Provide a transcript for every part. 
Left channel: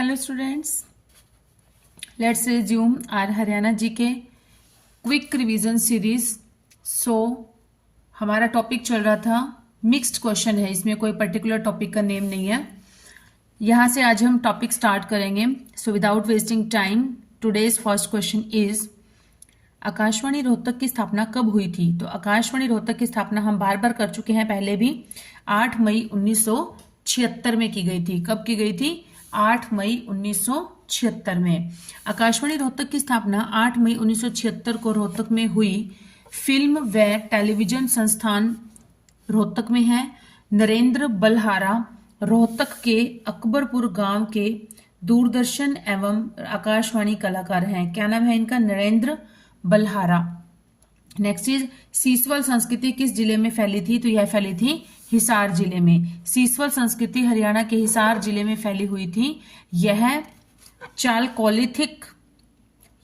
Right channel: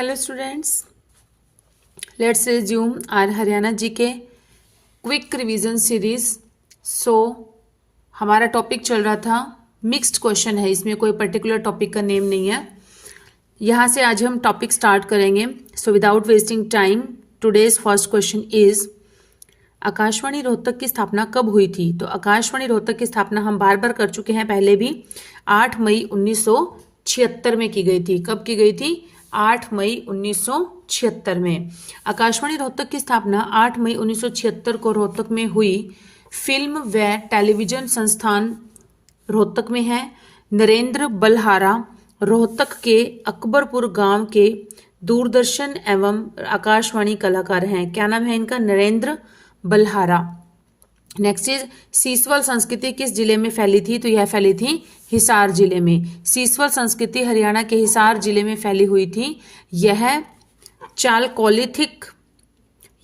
Hello students, let's resume our Haryana GK quick revision series. So हमारा topic चल रहा था मिक्स्ड क्वेश्चन है, इसमें कोई पर्टिकुलर टॉपिक का नेम नहीं है। यहाँ से आज हम टॉपिक स्टार्ट करेंगे। So without wasting time, today's first question is Akashvani Rohtak की स्थापना कब हुई थी? तो आकाशवाणी रोहतक की स्थापना हम बार बार कर चुके हैं पहले भी, 8 मई 1976 में की गई थी। कब की गई थी? 8 मई 1976 में। आकाशवाणी रोहतक की स्थापना 8 मई 1976 को रोहतक में हुई। फिल्म व टेलीविजन संस्थान रोहतक में है। नरेंद्र बलहारा रोहतक के अकबरपुर गांव के दूरदर्शन एवं आकाशवाणी कलाकार हैं। क्या नाम है इनका? नरेंद्र बलहारा। नेक्स्ट इज सीसवल संस्कृति किस जिले में फैली थी? तो यह फैली थी हिसार जिले में। सीसवल संस्कृति हरियाणा के हिसार जिले में फैली हुई थी। यह चालकोलिथिक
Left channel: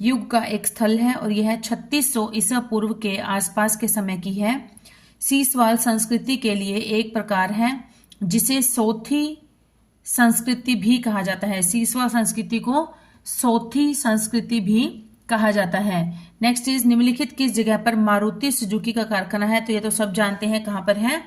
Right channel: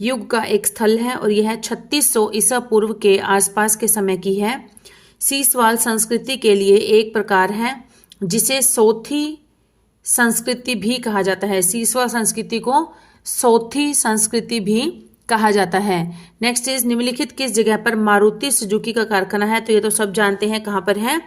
युग का एक स्थल है और यह 3600 ईसा पूर्व के आसपास के समय की है। सीसवाल संस्कृति के लिए एक प्रकार है जिसे सोथी संस्कृति भी कहा जाता है। सीसवाल संस्कृति को सोथी संस्कृति भी कहा जाता है। नेक्स्ट इज निम्नलिखित किस जगह पर मारुति सुजुकी का कारखाना है? तो ये तो सब जानते हैं कहां पर है,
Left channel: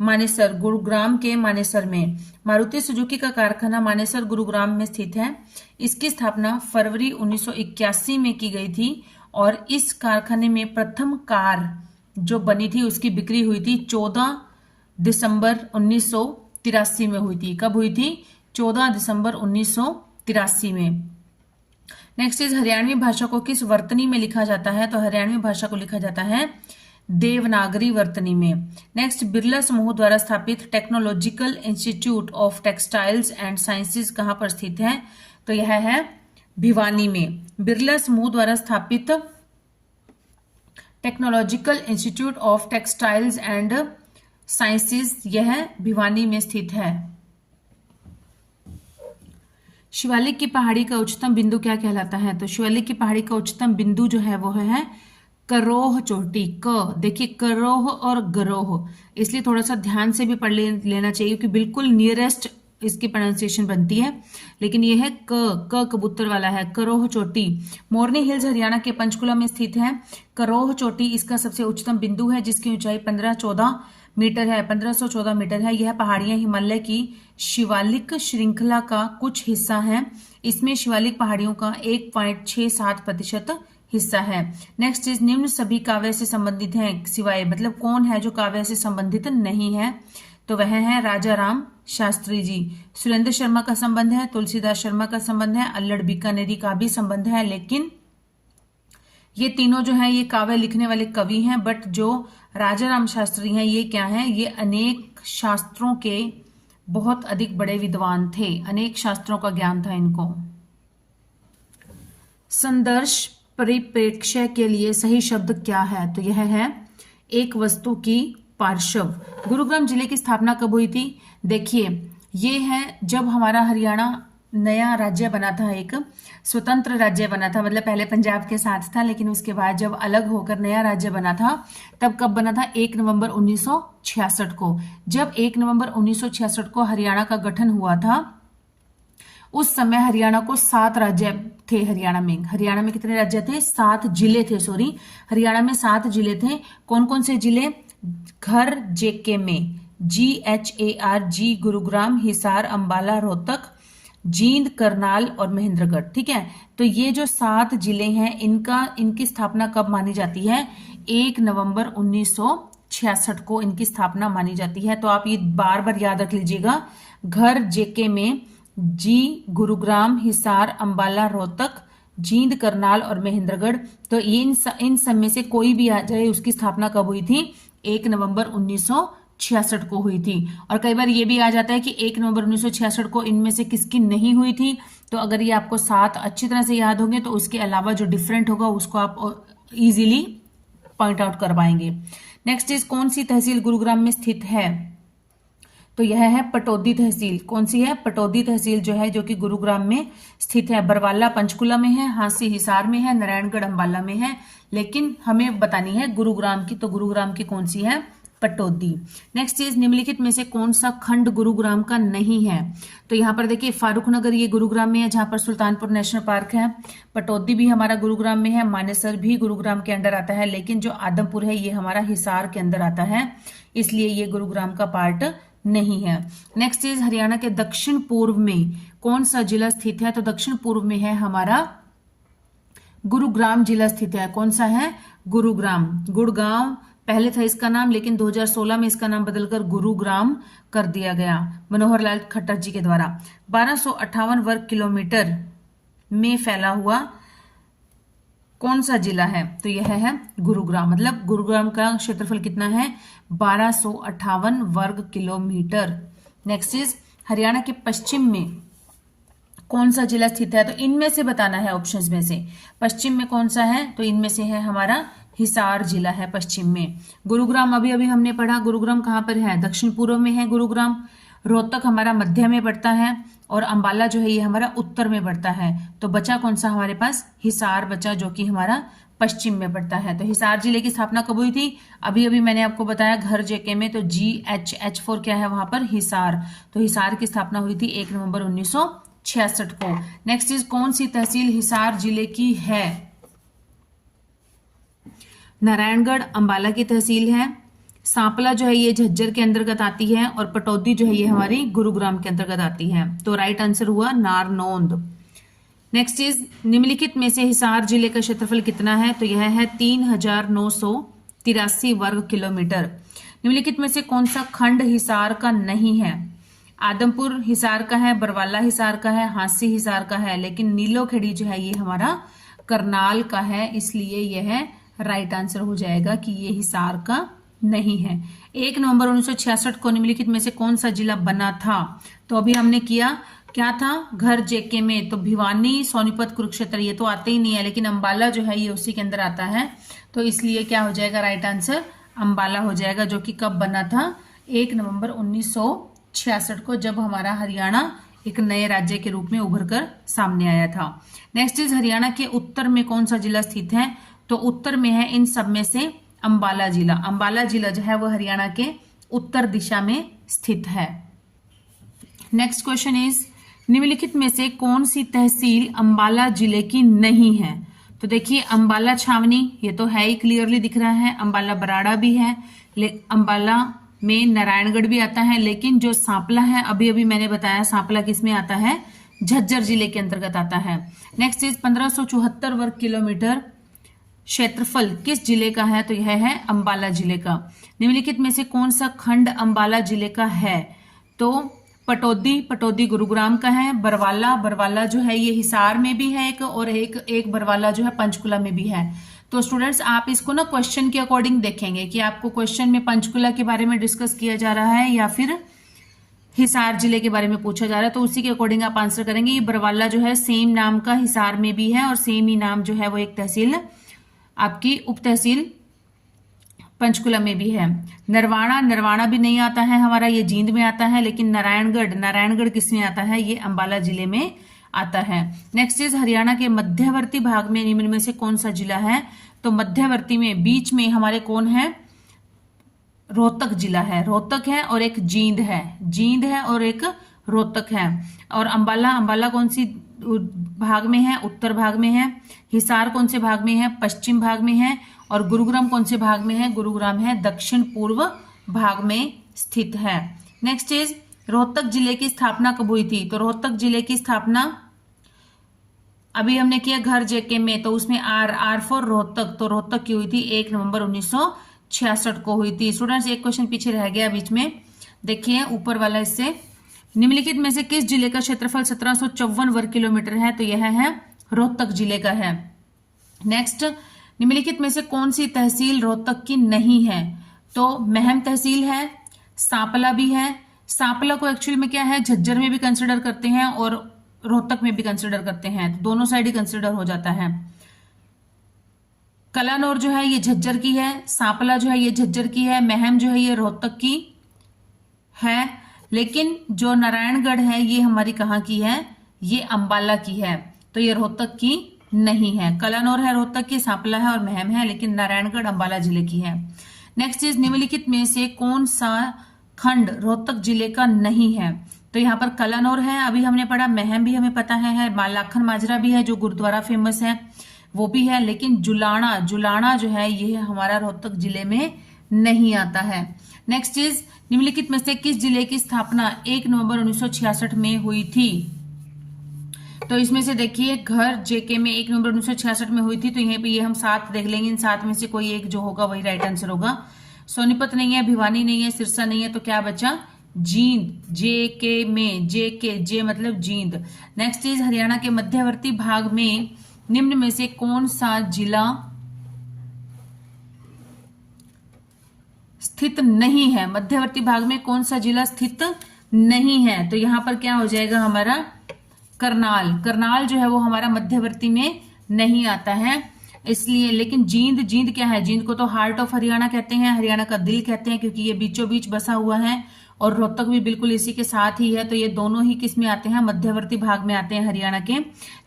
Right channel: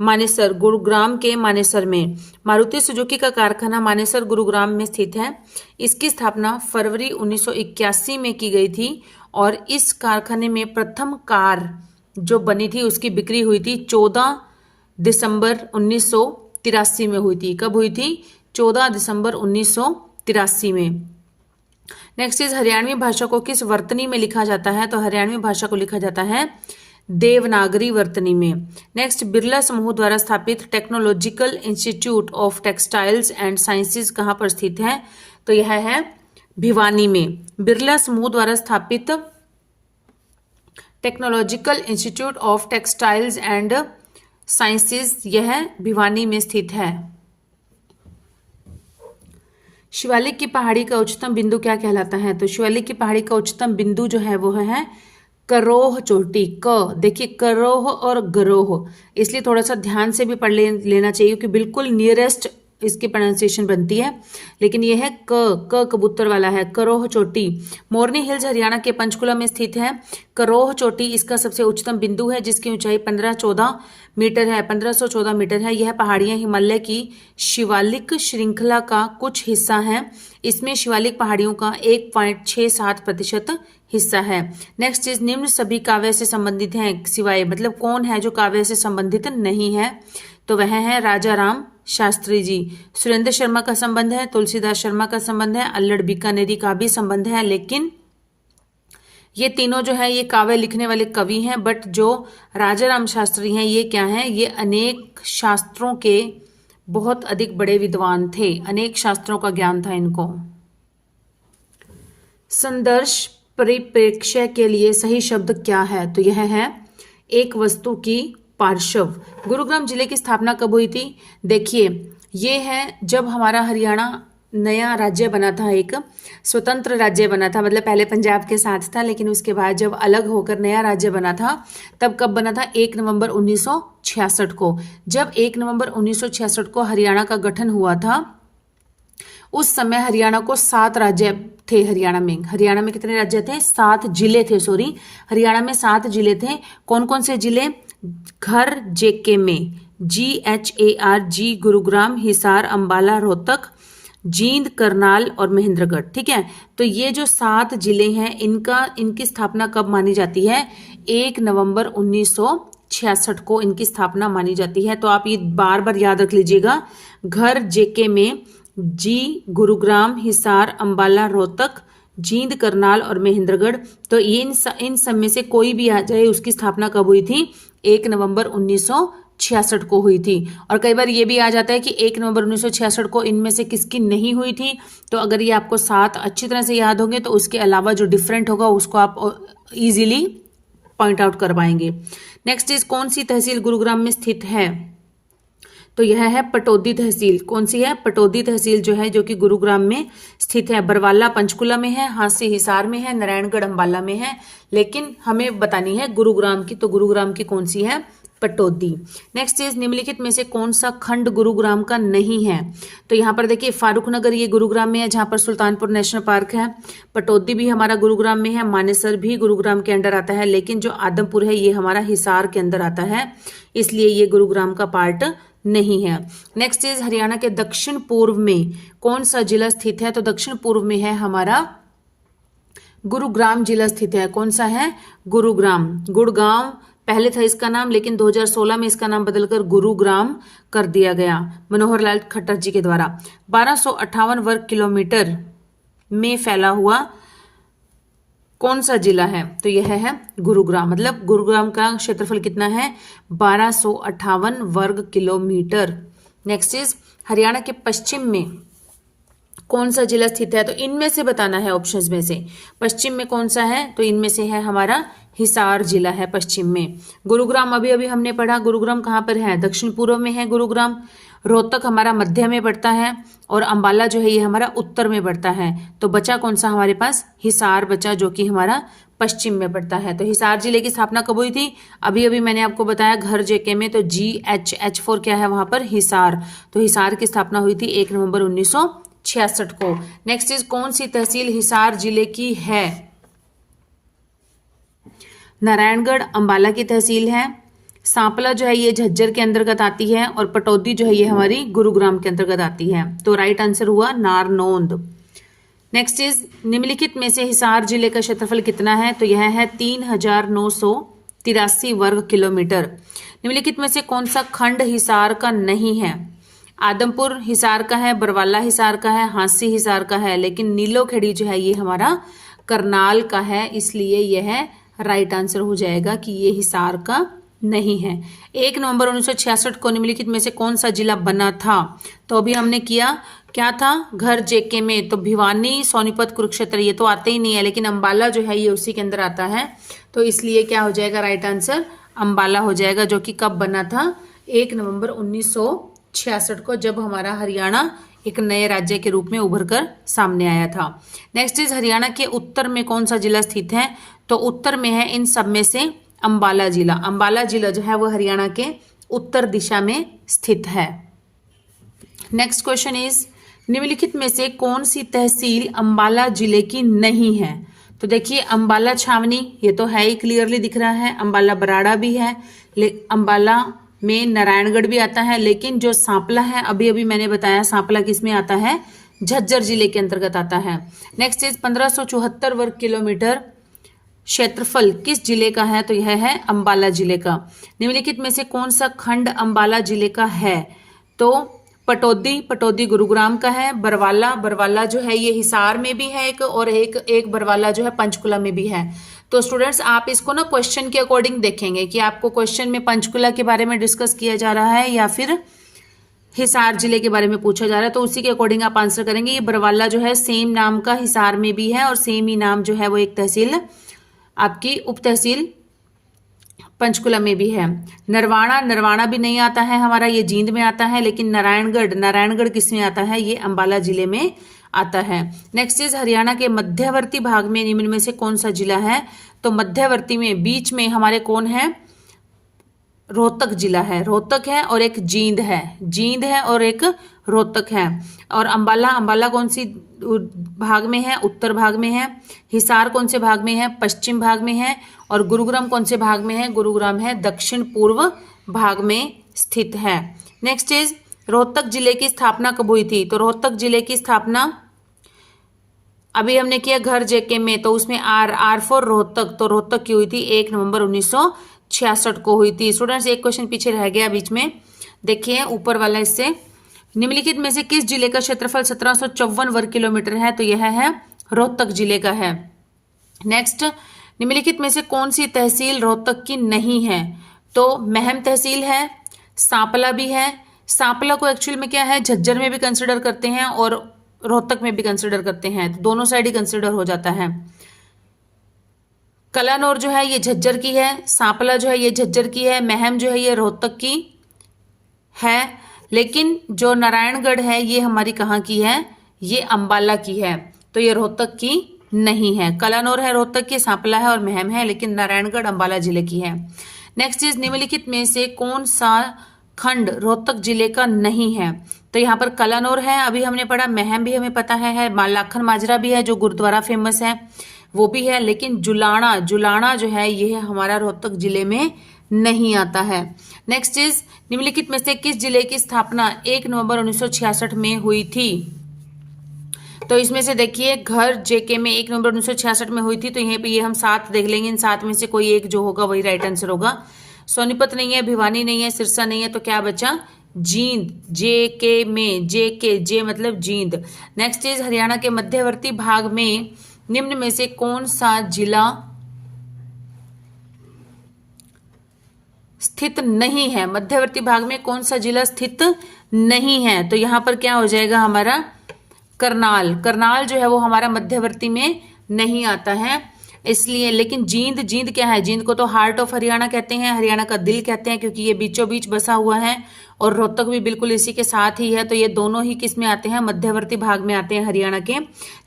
मानेसर, गुरुग्राम के मानेसर में। मारुति सुजुकी का कारखाना मानेसर गुरुग्राम में स्थित है। इसकी स्थापना फरवरी 1981 में की गई थी और इस कारखाने में प्रथम कार जो बनी थी उसकी बिक्री हुई थी 14 दिसंबर 1983 में हुई थी। कब हुई थी? 14 दिसंबर 1983 में। नेक्स्ट इज हरियाणवी भाषा को किस वर्तनी में लिखा जाता है? तो हरियाणवी भाषा को लिखा जाता है देवनागरी वर्तनी में। नेक्स्ट, बिरला समूह द्वारा स्थापित technological institute of textiles and sciences कहां पर स्थित है? तो यह है भिवानी में। बिरला समूह द्वारा स्थापित technological institute of textiles and sciences यह भिवानी में स्थित है। शिवालिक की पहाड़ी का उच्चतम बिंदु क्या कहलाता है? तो शिवालिक की पहाड़ी का उच्चतम बिंदु जो है वो है करोह चोटी। क देखिए, करोह और गरोह, इसलिए थोड़ा सा ध्यान से भी पढ़ लेना चाहिए क्योंकि बिल्कुल नियरेस्ट इसकी प्रोनाउंसिएशन बनती है, लेकिन ये है क कबूतर वाला है, करोह चोटी। मोरनी हिल्स हरियाणा के पंचकुला में स्थित है। करोह चोटी इसका सबसे उच्चतम बिंदु है जिसकी ऊंचाई 1514 मीटर है, 1514 मीटर है। यह पहाड़ियां हिमालय की शिवालिक श्रृंखला का कुछ हिस्सा है। इसमें शिवालिक पहाड़ियों का 1.67% हिस्सा है। नेक्स्ट इज निम्न सभी काव्य से संबंधित हैं सिवाय, मतलब कौन है जो काव्य से संबंधित नहीं है? तो वह है राजा राम शास्त्री जी। सुरेंद्र शर्मा का संबंध है, तुलसीदास शर्मा का संबंध है, अल्लड़ बीकानेरी का भी संबंध है, लेकिन ये तीनों जो है ये काव्य लिखने वाले कवि हैं। बट जो राजा राम शास्त्री हैं ये क्या हैं? ये अनेक शास्त्रों के बहुत अधिक बड़े विद्वान थे, अनेक शास्त्रों का ज्ञान था इनको। संदर्श परिप्रेक्ष्य के लिए सही शब्द क्या है? तो यह है एक वस्तु की पार्श्व। गुरुग्राम जिले की स्थापना कब हुई थी? देखिए, ये है जब हमारा हरियाणा नया राज्य बना था, एक स्वतंत्र राज्य बना था, मतलब पहले पंजाब के साथ था, लेकिन उसके बाद जब अलग होकर नया राज्य बना था तब कब बना था? 1 नवंबर 1966 को। जब 1 नवंबर 1966 को हरियाणा का गठन हुआ था, उस समय हरियाणा को 7 राज्य थे। हरियाणा में कितने राज्य थे? 7 जिले थे, सॉरी, हरियाणा में 7 जिले थे। कौन कौन से जिले? घर जेके में, GHAR गुरुग्राम, हिसार, अंबाला, रोहतक, जींद, करनाल और महेंद्रगढ़। ठीक है, तो ये जो 7 जिले हैं इनकी स्थापना कब मानी जाती है? 1 नवंबर 1966 को इनकी स्थापना मानी जाती है। तो आप ये बार बार याद रख लीजिएगा, घर जेके में गुरुग्राम, हिसार, अंबाला, रोहतक, जींद, करनाल और महेंद्रगढ़। तो इन सब में से कोई भी आ जाए, उसकी स्थापना कब हुई थी? 1 नवंबर 1966 को हुई थी। और कई बार ये भी आ जाता है कि 1 नवंबर 1966 को इनमें से किसकी नहीं हुई थी। तो अगर ये आपको 7 अच्छी तरह से याद होंगे तो उसके अलावा जो डिफरेंट होगा उसको आप इजीली पॉइंट आउट कर पाएंगे। नेक्स्ट इज कौन सी तहसील गुरुग्राम में स्थित है? तो यह है पटौदी तहसील। कौन सी है? पटौदी तहसील जो है, जो कि गुरुग्राम में स्थित है। बरवाला पंचकुला में है, हांसी हिसार में है, नारायणगढ़ अंबाला में है, लेकिन हमें बतानी है गुरुग्राम की। तो गुरुग्राम की कौन सी है? पटौदी। नेक्स्ट इज निम्नलिखित में से कौन सा खंड गुरुग्राम का नहीं है? तो यहाँ पर देखिए फारूक नगर ये गुरुग्राम में है, जहाँ पर सुल्तानपुर नेशनल पार्क है। पटौदी भी हमारा गुरुग्राम में है, मानेसर भी गुरुग्राम के अंडर आता है, लेकिन जो आदमपुर है ये हमारा हिसार के अंदर आता है, इसलिए ये गुरुग्राम का पार्ट नहीं है। नेक्स्ट इज हरियाणा के दक्षिण पूर्व में कौन सा जिला स्थित है? तो दक्षिण पूर्व में है हमारा गुरुग्राम जिला स्थित है। कौन सा है? गुरुग्राम। गुड़गांव पहले था इसका नाम, लेकिन 2016 में इसका नाम बदलकर गुरुग्राम कर दिया गया मनोहर लाल खट्टर जी के द्वारा। 1258 वर्ग किलोमीटर में फैला हुआ कौन सा जिला है? तो यह है गुरुग्राम। मतलब गुरुग्राम का क्षेत्रफल कितना है? 1258 वर्ग किलोमीटर। नेक्स्ट इज हरियाणा के पश्चिम में कौन सा जिला स्थित है? तो इनमें से बताना है ऑप्शंस में से। पश्चिम में कौन सा है? तो इनमें से है हमारा हिसार जिला है पश्चिम में। गुरुग्राम अभी अभी हमने पढ़ा, गुरुग्राम कहाँ पर है? दक्षिण पूर्व में है गुरुग्राम। रोहतक हमारा मध्य में पड़ता है और अंबाला जो है ये हमारा उत्तर में पड़ता है। तो बचा कौन सा हमारे पास? हिसार बचा, जो कि हमारा पश्चिम में पड़ता है। तो हिसार जिले की स्थापना कब हुई थी? अभी अभी मैंने आपको बताया घर जेके में। तो GH क्या है वहां पर? हिसार। तो हिसार की स्थापना हुई थी 1 नवंबर 1966 को। नेक्स्ट इज कौन सी तहसील हिसार जिले की है? नारायणगढ़ अंबाला की तहसील है। सांपला जो है ये झज्जर के अंतर्गत आती है और पटौदी जो है ये हमारी गुरुग्राम के अंतर्गत आती है। तो राइट आंसर हुआ नारनौंद। नेक्स्ट इज निम्नलिखित में से हिसार जिले का क्षेत्रफल कितना है? तो यह है 3983 वर्ग किलोमीटर। निम्नलिखित में से कौन सा खंड हिसार का नहीं है? आदमपुर हिसार का है, बरवाला हिसार का है, हांसी हिसार का है, लेकिन नीलोखेड़ी जो है ये हमारा करनाल का है, इसलिए यह राइट आंसर हो जाएगा कि ये हिसार का नहीं है। 1 नवंबर 1966 को निम्नलिखित में से कौन सा जिला बना था? तो अभी हमने किया क्या था? घर जेके में। तो भिवानी, सोनीपत, कुरुक्षेत्र ये तो आते ही नहीं है, लेकिन अंबाला जो है ये उसी के अंदर आता है, तो इसलिए क्या हो जाएगा? राइट आंसर अंबाला हो जाएगा, जो कि कब बना था? 1 नवंबर 1966 को, जब हमारा हरियाणा एक नए राज्य के रूप में उभर कर सामने आया था। नेक्स्ट इज हरियाणा के उत्तर में कौन सा जिला स्थित है? तो उत्तर में है इन सब में से अंबाला जिला। अंबाला जिला जो है वो हरियाणा के उत्तर दिशा में स्थित है। नेक्स्ट क्वेश्चन इज निम्नलिखित में से कौन सी तहसील अंबाला जिले की नहीं है? तो देखिए अंबाला छावनी ये तो है ही, क्लियरली दिख रहा है। अंबाला बराड़ा भी है, अंबाला में नारायणगढ़ भी आता है, लेकिन जो सांपला है अभी अभी मैंने बताया सांपला किस में आता है? झज्जर जिले के अंतर्गत आता है। नेक्स्ट इज 1574 वर्ग किलोमीटर क्षेत्रफल किस जिले का है? तो यह है अंबाला जिले का। निम्नलिखित में से कौन सा खंड अंबाला जिले का है? तो पटौदी गुरुग्राम का है। बरवाला जो है ये हिसार में भी है एक, और एक बरवाला जो है पंचकुला में भी है। तो स्टूडेंट्स आप इसको ना क्वेश्चन के अकॉर्डिंग देखेंगे कि आपको क्वेश्चन में पंचकुला के बारे में डिस्कस किया जा रहा है या फिर हिसार जिले के बारे में पूछा जा रहा है, तो उसी के अकॉर्डिंग आप आंसर करेंगे। ये बरवाला जो है सेम नाम का हिसार में भी है और सेम ही नाम जो है वो एक तहसील आपकी उप तहसील पंचकुला में भी है। नरवाना भी नहीं आता है हमारा, ये जींद में आता है, लेकिन नारायणगढ़ किस में आता है? ये अंबाला जिले में आता है। नेक्स्ट इज हरियाणा के मध्यवर्ती भाग में निम्न में से कौन सा जिला है? तो मध्यवर्ती में बीच में हमारे कौन है? रोहतक जिला है। रोहतक है और एक जींद है और एक रोहतक है। और अंबाला कौन सी भाग में है? उत्तर भाग में है। हिसार कौन से भाग में है? पश्चिम भाग में है। और गुरुग्राम कौन से भाग में है? गुरुग्राम है दक्षिण पूर्व भाग में स्थित है। नेक्स्ट इज रोहतक जिले की स्थापना कब हुई थी? तो रोहतक जिले की स्थापना अभी हमने किया घर जेके में, तो उसमें आर फॉर रोहतक, तो रोहतक की हुई थी 1 नवंबर 1966 को हुई थी। स्टूडेंट्स एक क्वेश्चन पीछे रह गया बीच में, देखिए ऊपर वाला, इससे निम्नलिखित में से किस जिले का क्षेत्रफल 1754 वर्ग किलोमीटर है? तो यह है रोहतक जिले का है। नेक्स्ट, निम्नलिखित में से कौन सी तहसील रोहतक की नहीं है? तो महम तहसील है, सांपला भी है। सांपला को एक्चुअल में क्या है, झज्जर में भी कंसिडर करते हैं और रोहतक में भी कंसिडर करते हैं, तो दोनों साइड ही कंसिडर हो जाता है। कलानौर जो है ये झज्जर की है, सांपला जो है ये झज्जर की है, महम जो है ये रोहतक की है, लेकिन जो नारायणगढ़ है ये हमारी कहाँ की है? ये अंबाला की है, तो ये रोहतक की नहीं है। कलानौर है रोहतक की, सांपला है और महम है, लेकिन नारायणगढ़ अंबाला जिले की है। नेक्स्ट इज निम्नलिखित में से कौन सा खंड रोहतक जिले का नहीं है? तो यहाँ पर कलानौर है, अभी हमने पढ़ा, महम भी हमें पता है, लाखन माजरा भी है जो गुरुद्वारा फेमस है वो भी है, लेकिन जुलाना जुलाना जो है ये हमारा रोहतक जिले में नहीं आता है। नेक्स्ट इज निम्नलिखित में से किस जिले की स्थापना 1 नवंबर 1966 में हुई थी? तो इसमें से देखिए घर जेके में 1 नवंबर 1966 में हुई थी, तो यहाँ पे ये हम 7 देख लेंगे, इन 7 में से कोई एक जो होगा वही राइट आंसर होगा। सोनीपत नहीं है, भिवानी नहीं है, सिरसा नहीं है, तो क्या बचा? जींद, जेके में, जेके, जे मतलब जींद। नेक्स्ट इज हरियाणा के मध्यवर्ती भाग में निम्न में से कौन सा जिला स्थित नहीं है? मध्यवर्ती भाग में कौन सा जिला स्थित नहीं है? तो यहां पर क्या हो जाएगा हमारा? करनाल। करनाल जो है वो हमारा मध्यवर्ती में नहीं आता है, इसलिए। लेकिन जींद, जींद क्या है? जींद को तो हार्ट ऑफ हरियाणा कहते हैं, हरियाणा का दिल कहते हैं, क्योंकि ये बीचों बीच बसा हुआ है और रोहतक भी बिल्कुल इसी के साथ ही है, तो ये दोनों ही किस में आते हैं? मध्यवर्ती भाग में आते हैं हरियाणा के।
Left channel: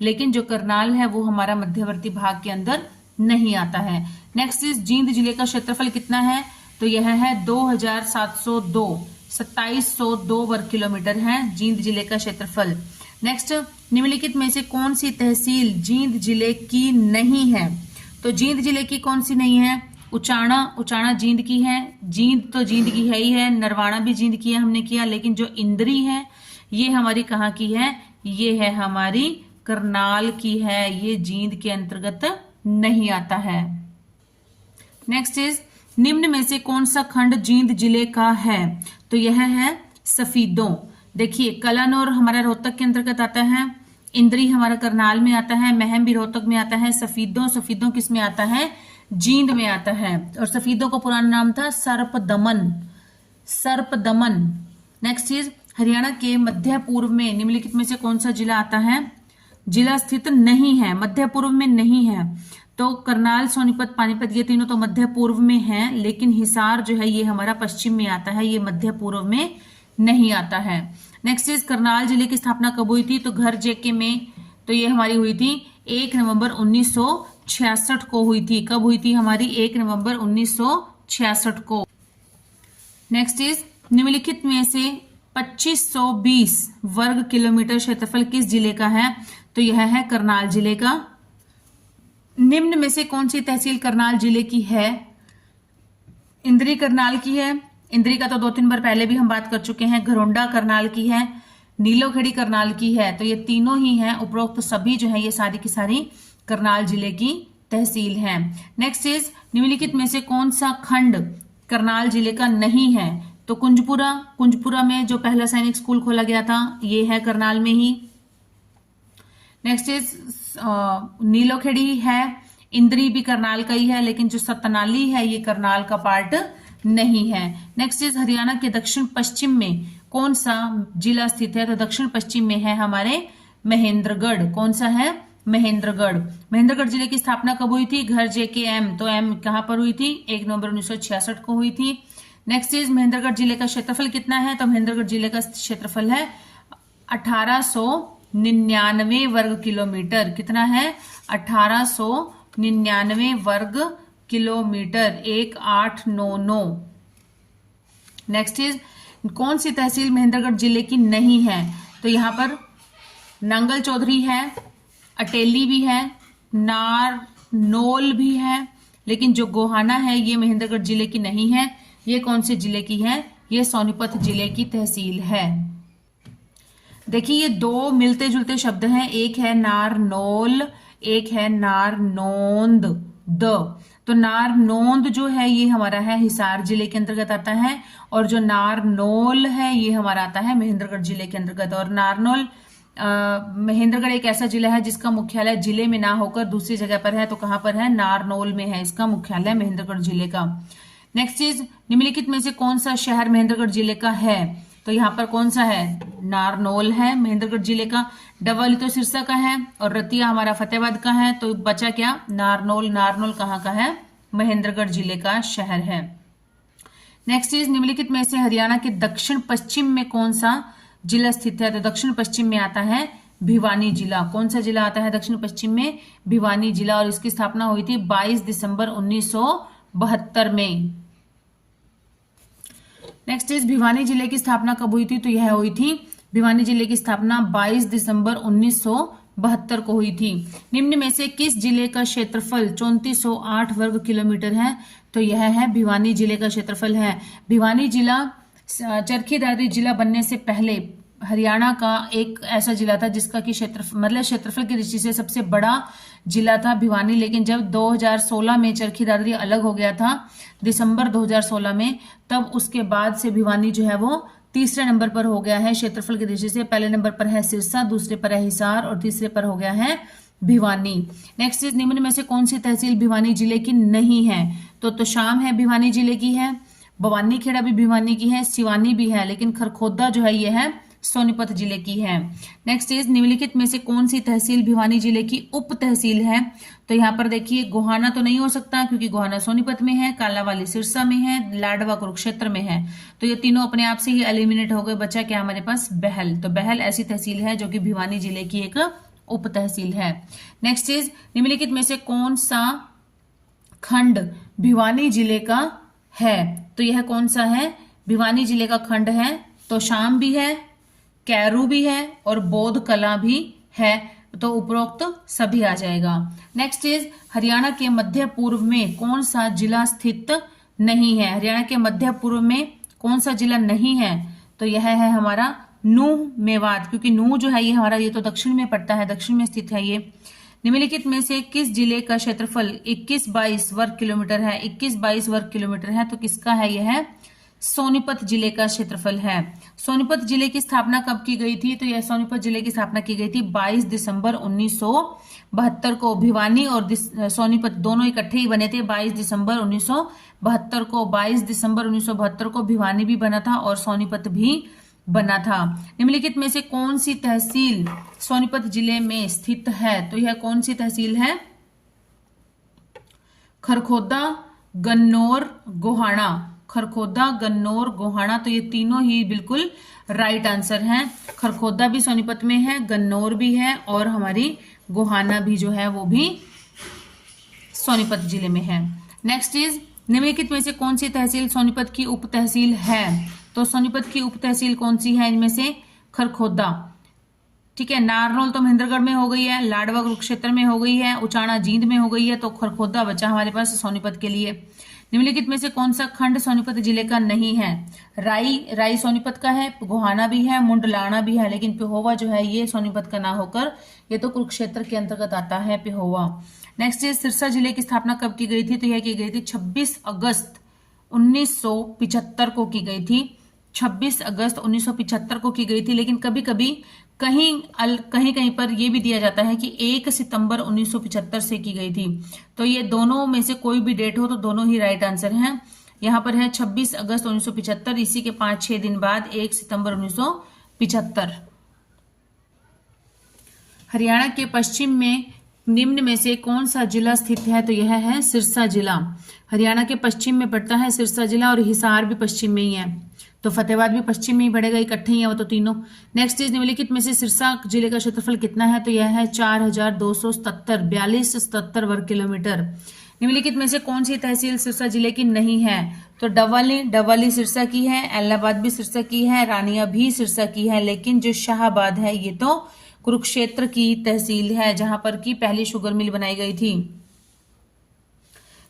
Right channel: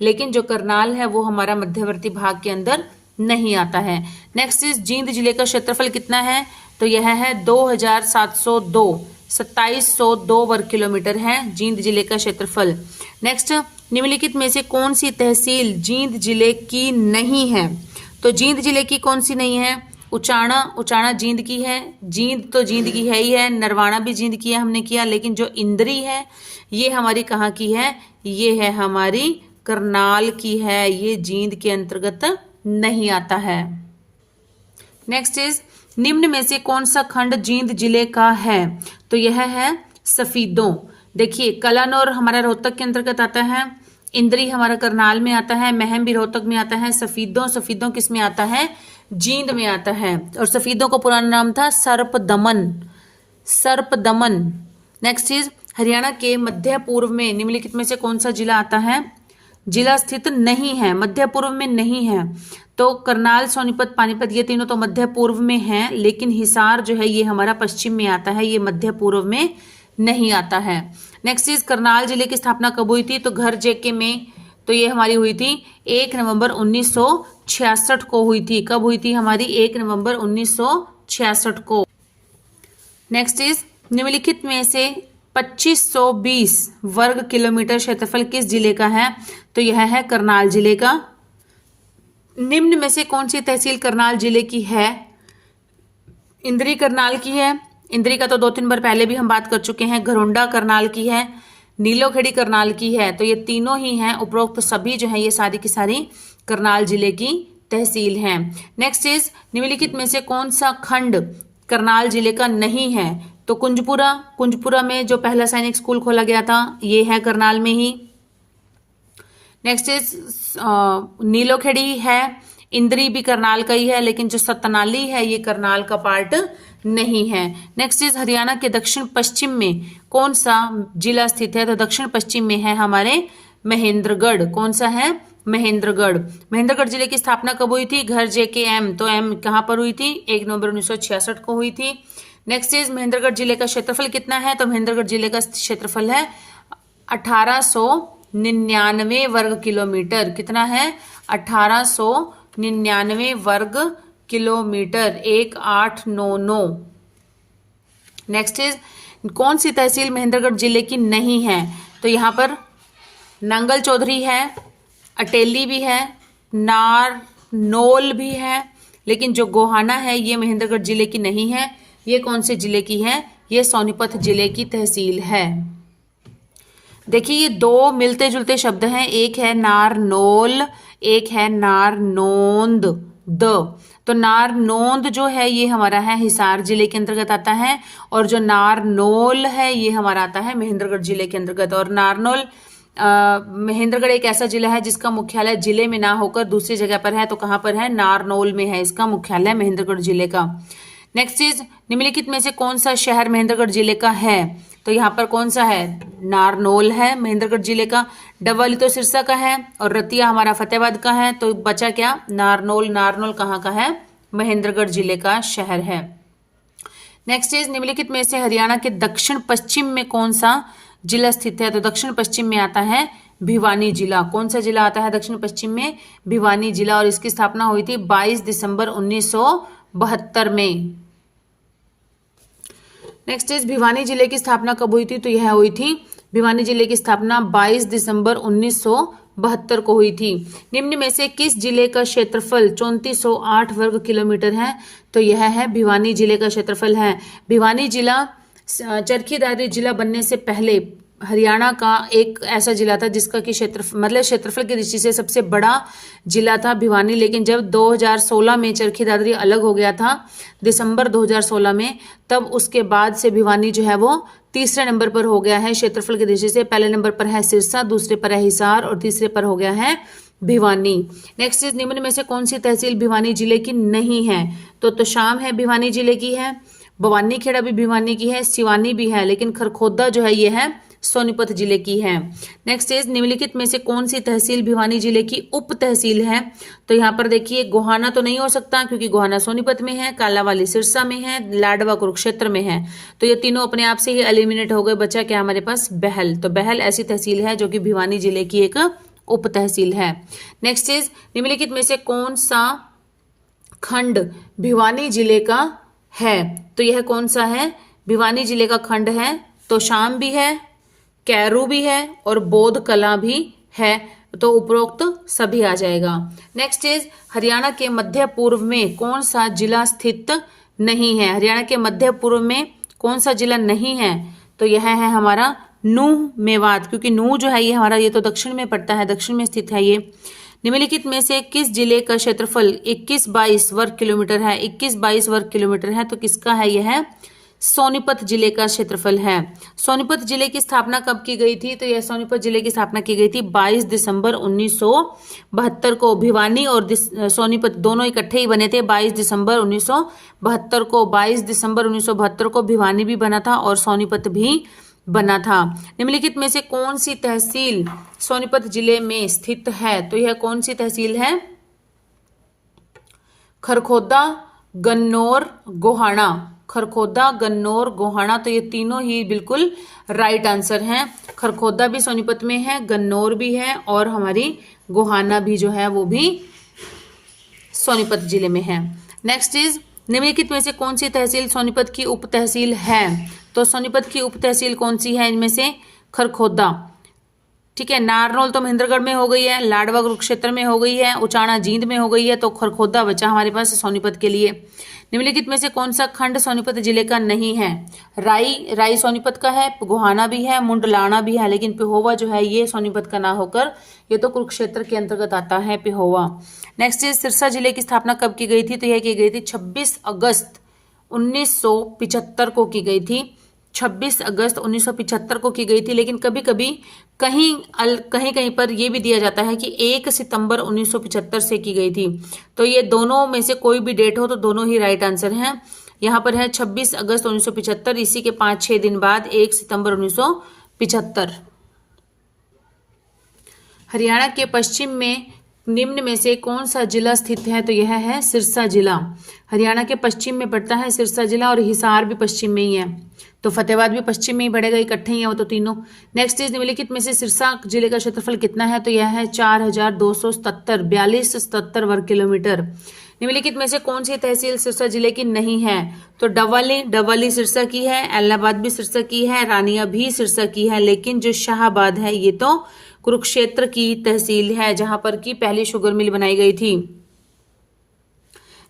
लेकिन जो करनाल है वो हमारा मध्यवर्ती भाग के अंदर नहीं आता है। नेक्स्ट इज जींद जिले का क्षेत्रफल कितना है? तो यह है 2702, 2702 वर्ग किलोमीटर है जींद जिले का क्षेत्रफल। नेक्स्ट, निम्नलिखित में से कौन सी तहसील जींद जिले की नहीं है? तो जींद जिले की कौन सी नहीं है? उचाना, उचाना जींद की है, जींद तो जींद की है ही है, नरवाना भी जींद की है, हमने किया। लेकिन जो इंद्री है ये हमारी कहाँ की है? ये है हमारी करनाल की है, ये जींद के अंतर्गत नहीं आता है। नेक्स्ट इज निम्न में से कौन सा खंड जींद जिले का है? तो यह है सफीदों। देखिए कलानौर हमारा रोहतक के अंतर्गत आता है, इंद्री हमारा करनाल में आता है, महम भी रोहतक में आता है, सफीदों, सफीदों किस में आता है? जींद में आता है। और सफीदों का पुराना नाम था सर्पदमन, सर्पदमन। नेक्स्ट इज हरियाणा के मध्य पूर्व में निम्नलिखित में से कौन सा जिला आता है? जिला स्थित नहीं है, मध्य पूर्व में नहीं है। तो करनाल, सोनीपत, पानीपत ये तीनों तो मध्य पूर्व में हैं, लेकिन हिसार जो है ये हमारा पश्चिम में आता है, ये मध्य पूर्व में नहीं आता है। नेक्स्ट इज करनाल जिले की स्थापना कब हुई थी? तो घर जेके में, तो ये हमारी हुई थी 1 नवंबर 1966 को हुई थी। कब हुई थी हमारी? 1 नवंबर 1966 को। नेक्स्ट इज निम्नलिखित में से 2520 वर्ग किलोमीटर क्षेत्रफल किस जिले का है? तो यह है करनाल जिले का। निम्न में से कौन सी तहसील करनाल जिले की है? इंद्री करनाल की है, इंद्री का तो 2-3 बार पहले भी हम बात कर चुके हैं। घरोंडा करनाल की है, नीलोखेड़ी करनाल की है, तो ये तीनों ही हैं। उपरोक्त सभी जो है ये सारी की सारी करनाल जिले की तहसील हैं। नेक्स्ट इज निम्नलिखित में से कौन सा खंड करनाल जिले का नहीं है? तो कुंजपुरा, कुंजपुरा में जो पहला सैनिक स्कूल खोला गया था ये है करनाल में ही। नेक्स्ट इज नीलोखेड़ी है, इंद्री भी करनाल का ही है, लेकिन जो सतनाली है ये करनाल का पार्ट नहीं है। नेक्स्ट इज हरियाणा के दक्षिण पश्चिम में कौन सा जिला स्थित है? तो दक्षिण पश्चिम में है हमारे महेंद्रगढ़। कौन सा है? महेंद्रगढ़। महेंद्रगढ़ जिले की स्थापना कब हुई थी? घर जेके एम, तो एम कहां पर हुई थी? 1 नवंबर 1966 को हुई थी। नेक्स्ट इज महेंद्रगढ़ जिले का क्षेत्रफल कितना है? तो महेंद्रगढ़ जिले का क्षेत्रफल है 1899 वर्ग किलोमीटर। कितना है? 1899 वर्ग किलोमीटर, 1899। नेक्स्ट इज कौन सी तहसील महेंद्रगढ़ जिले की नहीं है? तो यहां पर नंगल चौधरी है, अटेली भी है, नारनौल भी है, लेकिन जो गोहाना है ये महेंद्रगढ़ जिले की नहीं है। ये कौन से जिले की है? ये सोनीपत जिले की तहसील है। देखिए ये दो मिलते जुलते शब्द हैं, एक है नारनौल, एक है नारनौंद। तो नारनौंद जो है ये हमारा है हिसार जिले के अंतर्गत आता है, और जो नारनौल है ये हमारा आता है महेंद्रगढ़ जिले के अंतर्गत। और नारनौल महेंद्रगढ़ एक ऐसा जिला है जिसका मुख्यालय जिले में ना होकर दूसरी जगह पर है, तो कहां पर है? नारनौल में है इसका मुख्यालय महेंद्रगढ़ जिले का। नेक्स्ट इज निम्नलिखित में से कौन सा शहर महेंद्रगढ़ जिले का है? तो यहाँ पर कौन सा है? नारनौल है महेंद्रगढ़ जिले का। डबवाली तो सिरसा का है और रतिया हमारा फतेहाबाद का है, तो बचा क्या? नारनौल। नारनौल कहाँ का है? महेंद्रगढ़ जिले का शहर है। नेक्स्ट इज निम्नलिखित में से हरियाणा के दक्षिण पश्चिम में कौन सा जिला स्थित है? तो दक्षिण पश्चिम में आता है भिवानी जिला। कौन सा जिला आता है दक्षिण पश्चिम में? भिवानी जिला। और इसकी स्थापना हुई थी 22 दिसंबर 1972 में। नेक्स्ट इज भिवानी जिले की स्थापना कब हुई थी? तो यह हुई थी, भिवानी जिले की स्थापना 22 दिसंबर 1972 को हुई थी। निम्न में से किस जिले का क्षेत्रफल 3408 वर्ग किलोमीटर है? तो यह है भिवानी जिले का क्षेत्रफल है। भिवानी जिला चरखी दादरी जिला बनने से पहले हरियाणा का एक ऐसा जिला था जिसका कि क्षेत्रफल की दृष्टि से सबसे बड़ा जिला था भिवानी। लेकिन जब 2016 में चरखी दादरी अलग हो गया था, दिसंबर 2016 में, तब उसके बाद से भिवानी जो है वो तीसरे नंबर पर हो गया है क्षेत्रफल की दृष्टि से। पहले नंबर पर है सिरसा, दूसरे पर है हिसार और तीसरे पर हो गया है भिवानी। नेक्स्ट इज निम्न में से कौन सी तहसील भिवानी जिले की नहीं है? तो तोशाम है भिवानी जिले की है, भवानी खेड़ा भी भिवानी की है, सिवानी भी है, लेकिन खरखोदा जो है ये है सोनीपत जिले की है। नेक्स्ट इज निम्नलिखित में से कौन सी तहसील भिवानी जिले की उप तहसील है? तो यहाँ पर देखिए गोहाना तो नहीं हो सकता क्योंकि गोहाना सोनीपत में है, कालावाली सिरसा में है, लाडवा कुरुक्षेत्र में है, तो ये तीनों अपने आप से ही एलिमिनेट हो गए। बचा क्या हमारे पास? बहल। तो बहल ऐसी तहसील है जो कि भिवानी जिले की एक उप तहसील है। नेक्स्ट इज निम्नलिखित में से कौन सा खंड भिवानी जिले का है? तो यह कौन सा है? भिवानी जिले का खंड है तोशाम भी है, कैरू भी है और बौद्ध कला भी है, तो उपरोक्त सभी आ जाएगा। नेक्स्ट इज हरियाणा के मध्य पूर्व में कौन सा जिला स्थित नहीं है? हरियाणा के मध्य पूर्व में कौन सा जिला नहीं है? तो यह है हमारा नूह मेवात, क्योंकि नूह जो है ये हमारा ये तो दक्षिण में पड़ता है, दक्षिण में स्थित है ये। निम्नलिखित में से किस जिले का क्षेत्रफल 21-22 वर्ग किलोमीटर है? 21-22 वर्ग किलोमीटर है, तो किसका है? यह है सोनीपत जिले का क्षेत्रफल है। सोनीपत जिले की स्थापना कब की गई थी? तो यह सोनीपत जिले की स्थापना की गई थी 22 दिसंबर 1972 को। भिवानी और सोनीपत दोनों इकट्ठे ही बने थे 22 दिसंबर 1972 को। 22 दिसंबर 1972 को भिवानी भी बना था और सोनीपत भी बना था। निम्नलिखित में से कौन सी तहसील सोनीपत जिले में स्थित है? तो यह कौन सी तहसील है? खरखोदा, गन्नौर, गोहाना। खरखोदा, गन्नौर, गोहाना, तो ये तीनों ही बिल्कुल राइट आंसर हैं। खरखोदा भी सोनीपत में है, गन्नौर भी है और हमारी गोहाना भी जो है वो भी सोनीपत जिले में है। नेक्स्ट इज निम्नलिखित में से कौन सी तहसील सोनीपत की उप तहसील है? तो सोनीपत की उप तहसील कौन सी है? इनमें से खरखोदा, ठीक है, नारनौल तो महेंद्रगढ़ में हो गई है, लाडवा कुरुक्षेत्र में हो गई है, उचाना जींद में हो गई है, तो खरखोदा बचा हमारे पास सोनीपत के लिए। निम्नलिखित में से कौन सा खंड सोनीपत जिले का नहीं है? राई सोनीपत का है, गोहाना भी है, मुंडलाना भी है, लेकिन पिहोवा जो है ये सोनीपत का ना होकर ये तो कुरुक्षेत्र के अंतर्गत आता है पिहोवा। नेक्स्ट इज सिरसा जिले की स्थापना कब की गई थी? तो यह की गई थी 26 अगस्त 1975 को की गई थी। 26 अगस्त 1975 को की गई थी, लेकिन कभी कभी कहीं कहीं पर यह भी दिया जाता है कि 1 सितंबर 1975 से की गई थी। तो ये दोनों में से कोई भी डेट हो तो दोनों ही राइट आंसर हैं। यहाँ पर है 26 अगस्त 1975, इसी के 5-6 दिन बाद 1 सितंबर 1975। हरियाणा के पश्चिम में निम्न में से कौन सा जिला स्थित है? तो यह है सिरसा जिला। हरियाणा के पश्चिम में पड़ता है सिरसा जिला और हिसार भी पश्चिम में ही है, तो फतेहाबाद भी पश्चिम में ही पड़ेगा, इकट्ठे ही है वो तो तीनों। नेक्स्ट इज निम्नलिखित में से सिरसा जिले का क्षेत्रफल कितना है? तो यह है 4277 वर्ग किलोमीटर। निम्नलिखित में से कौन सी तहसील सिरसा जिले की नहीं है? तो डबवाली सिरसा की है, एलाहाबाद भी सिरसा की है, रानिया भी सिरसा की है, लेकिन जो शाहाबाद है ये तो कुरुक्षेत्र की तहसील है जहां पर की पहली शुगर मिल बनाई गई थी।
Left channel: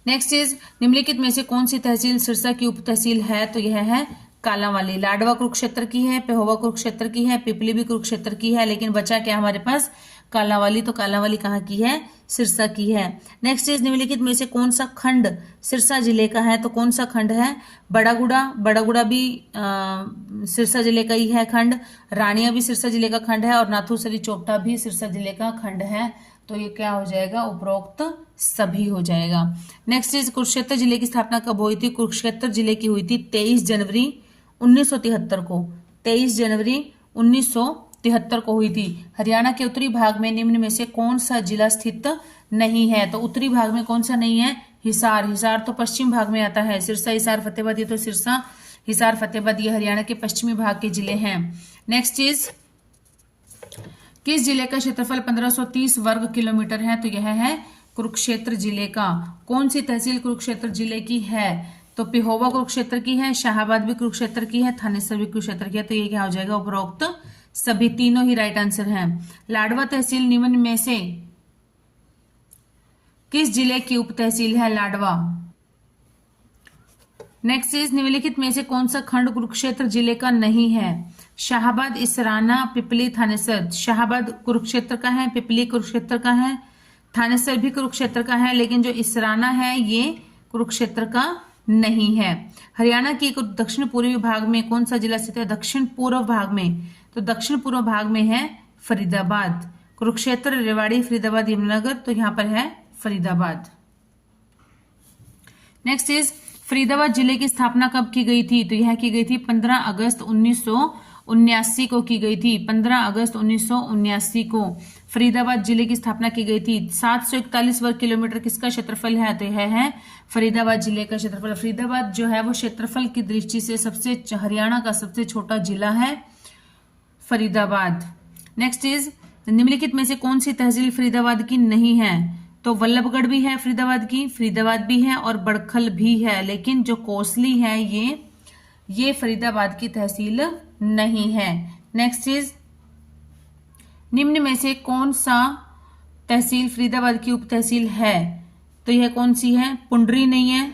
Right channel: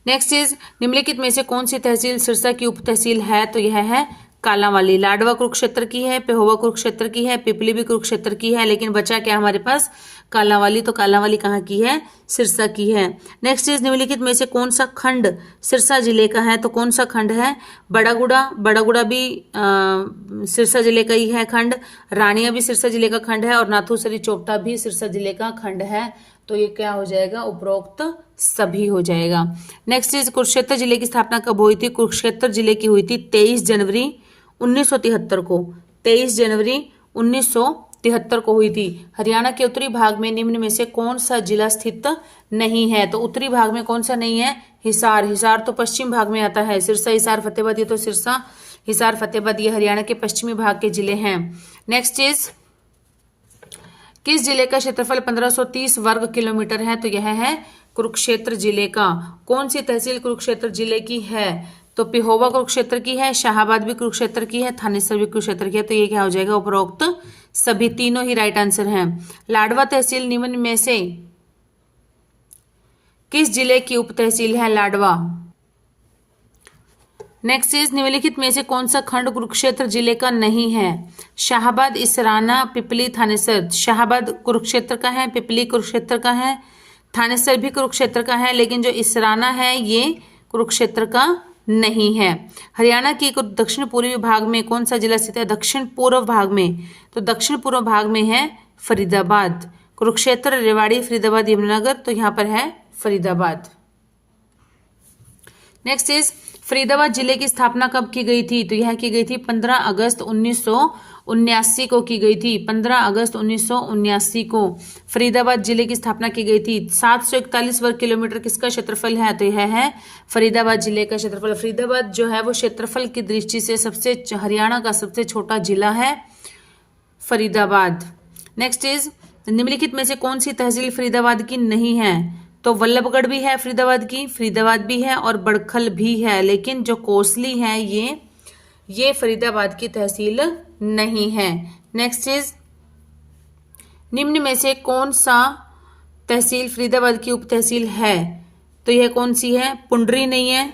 नेक्स्ट इज निम्नलिखित में से कौन सी तहसील सिरसा की उप तहसील है? तो यह है कालांवाली। लाडवा कुरुक्षेत्र की है, पिहोवा कुरुक्षेत्र की है, पिपली भी कुरुक्षेत्र की है, लेकिन बचा क्या हमारे पास? कालांवाली। तो कालांवाली कहाँ की है? सिरसा की है। नेक्स्ट इज निम्नलिखित में से कौन सा खंड सिरसा जिले का है? तो कौन सा खंड है? बड़ागुड़ा भी सिरसा जिले का ही है खंड, रानिया भी सिरसा जिले का खंड है और नाथूसरी चोपटा भी सिरसा जिले का खंड है, तो ये क्या हो जाएगा? उपरोक्त सभी हो जाएगा। नेक्स्ट इज कुरुक्षेत्र जिले की स्थापना कब हुई थी? कुरुक्षेत्र जिले की हुई थी 23 जनवरी 1973 को। 23 जनवरी 1973 को हुई थी। हरियाणा के उत्तरी भाग में निम्न में से कौन सा जिला स्थित नहीं है? तो उत्तरी भाग में कौन सा नहीं है? हिसार। हिसार तो पश्चिम भाग में आता है। सिरसा, हिसार, फतेहाबाद, ये तो सिरसा, हिसार, फतेहाबाद ये हरियाणा के पश्चिमी भाग के जिले हैं। नेक्स्ट इज किस जिले का क्षेत्रफल 1530 वर्ग किलोमीटर है? तो यह है कुरुक्षेत्र जिले का। कौन सी तहसील कुरुक्षेत्र जिले की है? तो पिहोवा कुरुक्षेत्र की है, शाहाबाद भी कुरुक्षेत्र की है, थानेसर भी कुरुक्षेत्र की है। तो ये क्या हो जाएगा, उपरोक्त सभी तीनों ही राइट आंसर हैं। लाडवा तहसील निम्न में से किस जिले की उप तहसील है? लाडवा। नेक्स्ट इज निम्नलिखित में से कौन सा खंड कुरुक्षेत्र जिले का नहीं है? शाहाबाद, इसराना, पिपली, थानेसर। शाहाबाद कुरुक्षेत्र का है, पिपली कुरुक्षेत्र का है, थानेसर भी कुरुक्षेत्र का है, लेकिन जो इसराना है ये कुरुक्षेत्र का नहीं है। हरियाणा के दक्षिण पूर्वी भाग में कौन सा जिला स्थित है? दक्षिण पूर्व भाग में, तो दक्षिण पूर्व भाग में है फरीदाबाद। कुरुक्षेत्र, रेवाड़ी, फरीदाबाद, यमुनानगर, तो यहाँ पर है फरीदाबाद। नेक्स्ट इज फरीदाबाद जिले की स्थापना कब की गई थी? तो यह की गई थी 15 अगस्त 1979 को की गई थी। 15 अगस्त 1979 को फरीदाबाद जिले की स्थापना की गई थी। 741 वर्ग किलोमीटर किसका क्षेत्रफल है? तो यह है फरीदाबाद जिले का क्षेत्रफल। फरीदाबाद जो है वो क्षेत्रफल की दृष्टि से सबसे हरियाणा का सबसे छोटा जिला है फरीदाबाद। नेक्स्ट इज निम्नलिखित में से कौन सी तहसील फरीदाबाद की नहीं है? तो वल्लभगढ़ भी है फरीदाबाद की, फरीदाबाद भी है और बड़खल भी है, लेकिन जो कोसली है ये फरीदाबाद की तहसील नहीं है। नेक्स्ट इज निम्न में से कौन सा तहसील फरीदाबाद की उप तहसील है? तो यह कौन सी है? पुंडरी नहीं है,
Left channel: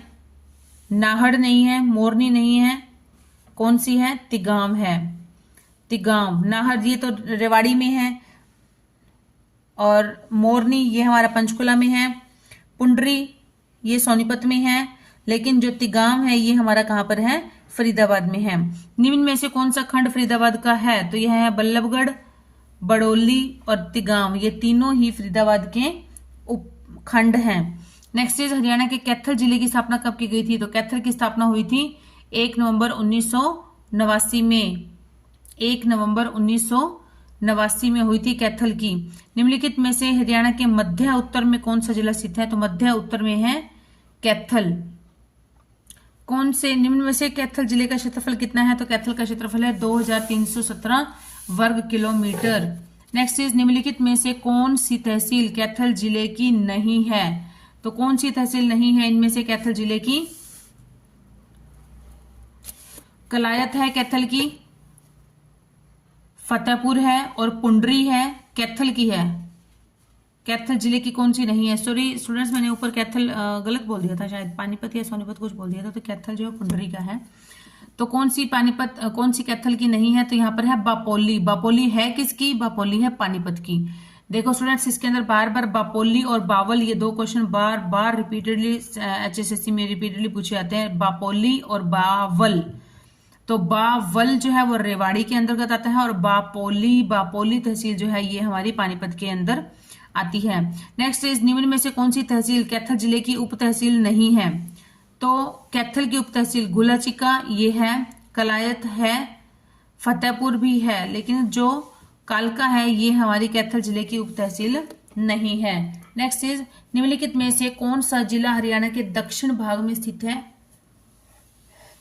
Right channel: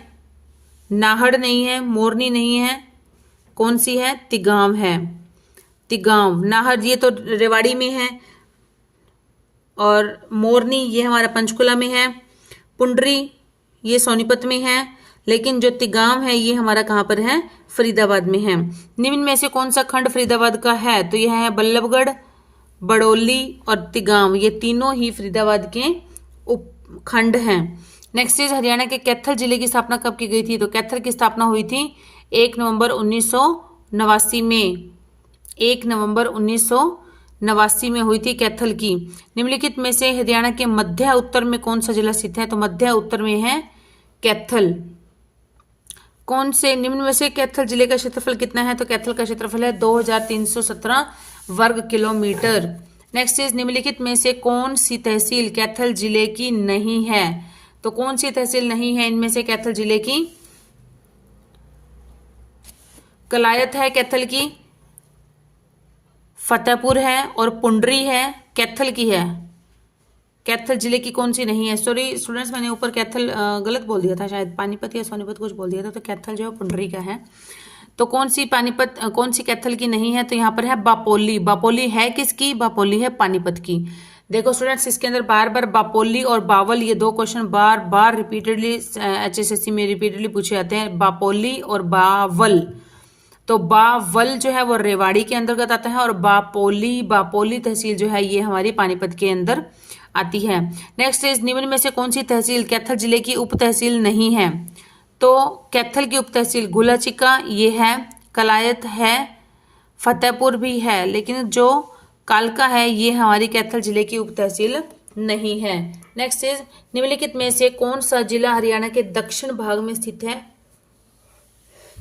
नाहड़ नहीं है, मोरनी नहीं है, कौन सी है? तिगांव है। तिगांव, नाहड़ ये तो रेवाड़ी में है और मोरनी ये हमारा पंचकुला में है, पुंडरी ये सोनीपत में है, लेकिन जो तिगांव है ये हमारा कहाँ पर है? फरीदाबाद में है। निम्न में से कौन सा खंड फरीदाबाद का है? तो यह है बल्लभगढ़, बड़ौली और तिगांव, ये तीनों ही फरीदाबाद के उपखंड हैं। नेक्स्ट इज हरियाणा के कैथल जिले की स्थापना कब की गई थी? तो कैथल की स्थापना हुई थी 1 नवंबर 1989 में। 1 नवंबर 1989 में हुई थी कैथल की। निम्नलिखित में से हरियाणा के मध्य उत्तर में कौन सा जिला स्थित है? तो मध्य उत्तर में है कैथल। कौन से निम्न में से कैथल जिले का क्षेत्रफल कितना है? तो कैथल का क्षेत्रफल है 2317 वर्ग किलोमीटर। नेक्स्ट इज निम्नलिखित में से कौन सी तहसील कैथल जिले की नहीं है? तो कौन सी तहसील नहीं है इनमें से कैथल जिले की? कलायत है कैथल की, फतेहपुर है और पुंडरी है, कैथल की है। कैथल जिले की कौन सी नहीं है? सॉरी स्टूडेंट्स, मैंने ऊपर कैथल गलत बोल दिया था, शायद पानीपत या सोनीपत कुछ बोल दिया था, तो कैथल जो है पुंडरी का है। तो कौन सी कौन सी कैथल की नहीं है? तो यहाँ पर है बापोली। बापोली है किसकी? बापोली है पानीपत की। देखो स्टूडेंट्स, इसके अंदर बार बार बापोली और बावल ये दो क्वेश्चन बार बार रिपीटेडली HSSC में रिपीटेडली पूछे जाते हैं, बापोली और बावल। तो बावल जो है वो रेवाड़ी के अंतर्गत आता है और बापोली तहसील जो है ये हमारी पानीपत के अंदर आती है। नेक्स्ट इज निम्न में से कौन सी तहसील कैथल जिले की उप तहसील नहीं है? तो कैथल की उप तहसील गुलाचिका ये है, कलायत है, फतेहपुर भी है, लेकिन जो कालका है ये हमारी कैथल जिले की उप तहसील नहीं है। नेक्स्ट इज निम्नलिखित में से कौन सा जिला हरियाणा के दक्षिण भाग में स्थित है?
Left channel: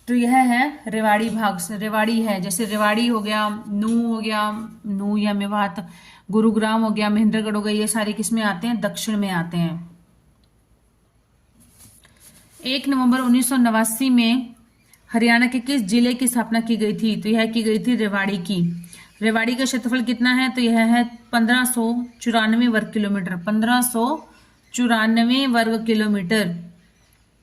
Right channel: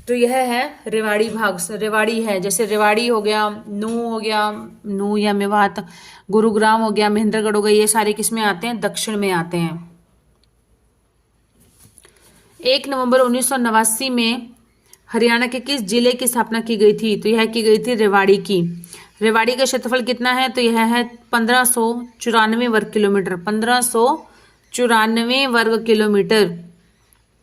तो यह है रेवाड़ी भाग। रेवाड़ी है, जैसे रेवाड़ी हो गया, नूह या मेवात, गुरुग्राम हो गया, महेंद्रगढ़ हो गया, ये सारे किस में आते हैं? दक्षिण में आते हैं। 1 नवंबर 1989 में हरियाणा के किस जिले की स्थापना की गई थी? तो यह की गई थी रेवाड़ी की। रेवाड़ी का क्षेत्रफल कितना है? तो यह है 1594 वर्ग किलोमीटर। 1594 वर्ग किलोमीटर।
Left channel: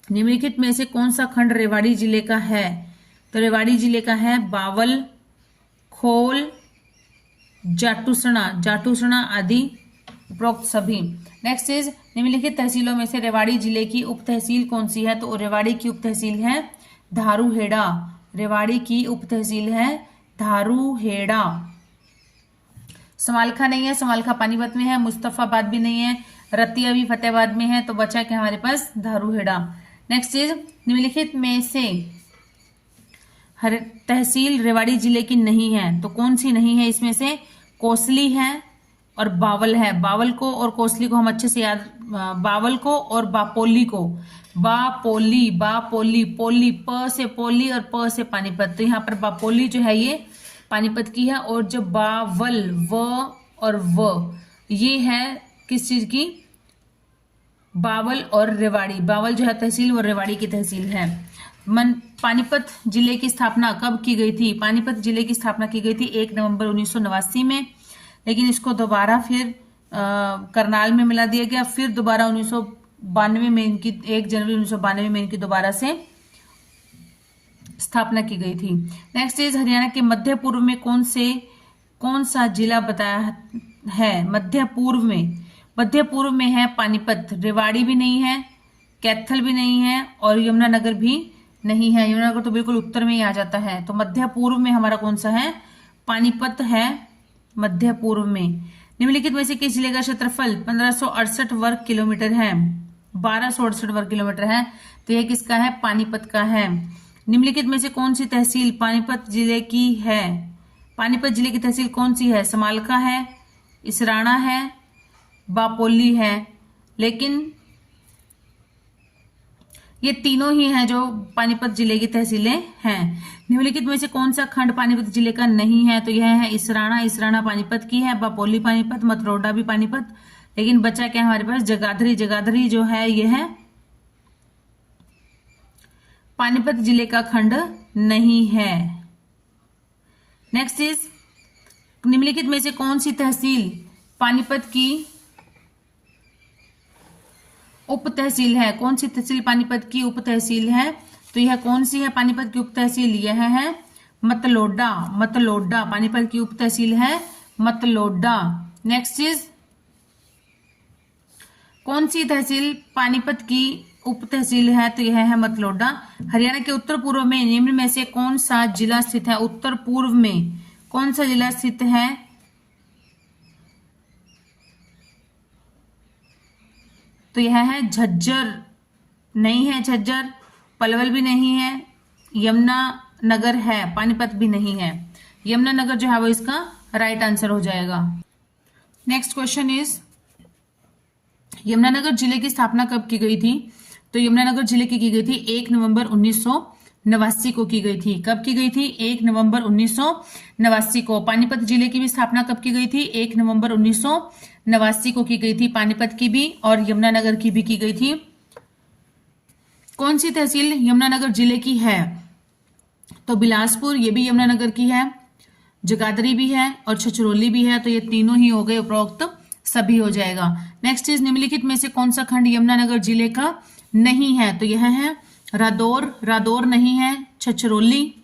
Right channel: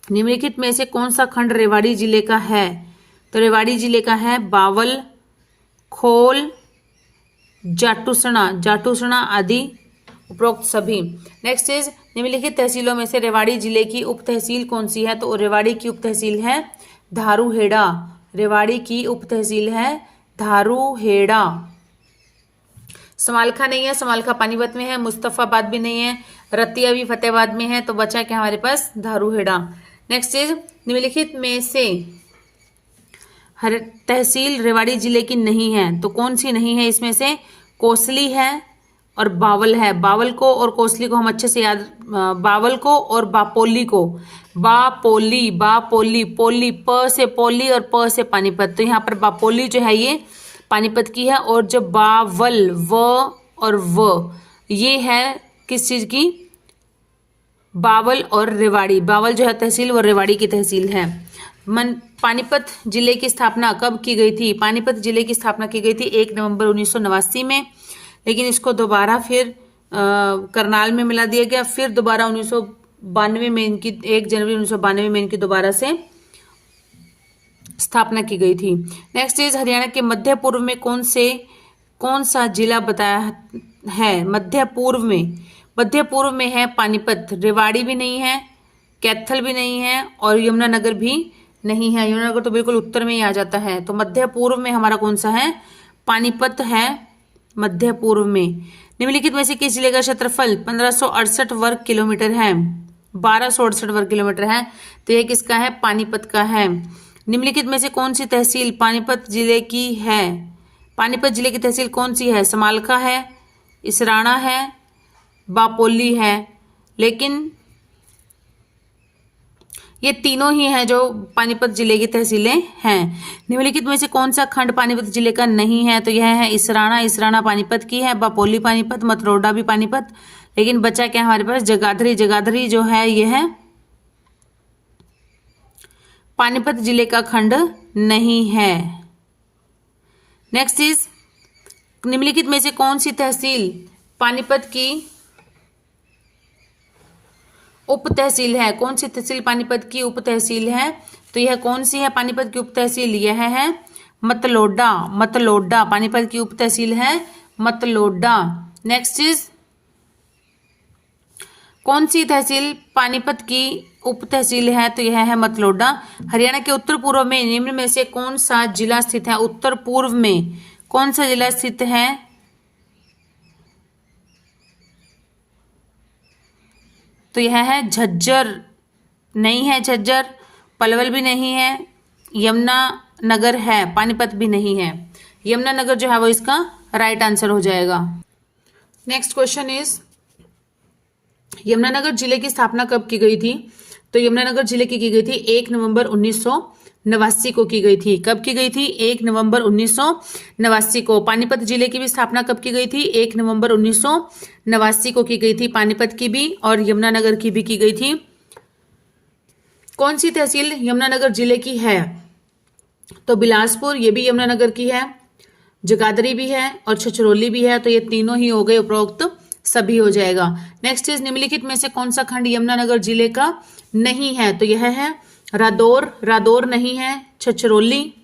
निम्नलिखित में से कौन सा खंड रेवाड़ी जिले का है? तो रेवाड़ी जिले का है बावल, खोल, जाटूसणा आदि उपरोक्त सभी। नेक्स्ट इज निम्नलिखित तहसीलों में से रेवाड़ी जिले की उप तहसील कौन सी है? तो रेवाड़ी की उप तहसील है धारूहेड़ा। रेवाड़ी की उप तहसील है धारूहेड़ा। समालखा नहीं है, समालखा पानीपत में है, मुस्तफाबाद भी नहीं है, रतिया भी फतेहाबाद में है, तो बचा क्या हमारे पास? धारूहेड़ा। नेक्स्ट इज निम्नलिखित में से हर तहसील रेवाड़ी जिले की नहीं है, तो कौन सी नहीं है इसमें से? कोसली है और बावल है। बावल को और कोसली को हम अच्छे से याद, बावल को और बापोली को, बापोली, पोली, प से पोली और प से पानीपत, तो यहाँ पर बापोली जो है ये पानीपत की है, और जो बावल व और व ये है किस चीज की? बावल और रेवाड़ी। बावल जो है तहसील वो रेवाड़ी की तहसील है। पानीपत जिले की स्थापना कब की गई थी? पानीपत जिले की स्थापना की गई थी 1 नवंबर 1989 में, लेकिन इसको दोबारा फिर करनाल में मिला दिया गया। फिर दोबारा 1992 में इनकी 1 जनवरी 1992 में इनकी दोबारा से स्थापना की गई थी। नेक्स्ट इज हरियाणा के मध्य पूर्व में कौन सा जिला बताया है? मध्य पूर्व में है पानीपत। रेवाड़ी भी नहीं है, कैथल भी नहीं है और यमुनानगर भी नहीं है। यमुनानगर तो बिल्कुल उत्तर में ही आ जाता है। तो मध्य पूर्व में हमारा कौन सा है? पानीपत है मध्य पूर्व में। निम्नलिखित में से किस जिले का क्षेत्रफल 1568 वर्ग किलोमीटर है? 1268 वर्ग किलोमीटर है। तो यह किसका है? पानीपत का है। निम्नलिखित में से कौन सी तहसील पानीपत जिले की है? पानीपत जिले की तहसील कौन सी है? समालखा है, इसराना है, बापोली है। लेकिन ये तीनों ही हैं जो पानीपत जिले की तहसीलें हैं। निम्नलिखित में से कौन सा खंड पानीपत जिले का नहीं है? तो यह है इसराना। इसराना पानीपत की है, बापोली पानीपत, मतरोडा भी पानीपत। लेकिन बचा क्या हमारे पास? जगाधरी। जगाधरी जो है यह है पानीपत जिले का खंड नहीं है। नेक्स्ट इज निम्नलिखित में से कौन सी तहसील पानीपत की उप तहसील है? कौन सी तहसील पानीपत की उप तहसील है? तो यह कौन सी है पानीपत की उप तहसील? यह है मतलोडा। मतलोडा पानीपत की उप तहसील है मतलोडा। नेक्स्ट इज कौन सी तहसील पानीपत की उप तहसील है? तो यह है मतलोडा। हरियाणा के उत्तर पूर्व में निम्न में से कौन सा जिला स्थित है? उत्तर पूर्व में कौन सा जिला स्थित है? तो यह है झज्जर। नहीं है झज्जर, पलवल भी नहीं है, यमुनानगर है, पानीपत भी नहीं है। यमुनानगर जो है वो इसका राइट आंसर हो जाएगा। नेक्स्ट क्वेश्चन इज यमुनानगर जिले की स्थापना कब की गई थी? तो यमुनानगर जिले की गई थी 1 नवंबर 1989 को की गई थी। कब की गई थी? 1 नवंबर 1989 को। पानीपत जिले की भी स्थापना कब की गई थी? 1 नवंबर 1989 को की गई थी। पानीपत की भी और यमुनानगर की भी की गई थी। कौन सी तहसील यमुनानगर जिले की है? तो बिलासपुर, ये भी यमुनानगर की है, जगाधरी भी है और छछरौली भी है। तो ये तीनों ही हो गए, उपरोक्त सभी हो जाएगा। नेक्स्ट इज निम्नलिखित में से कौन सा खंड यमुनानगर जिले का नहीं है? तो यह है रादौर। रादौर नहीं है। छछरौली,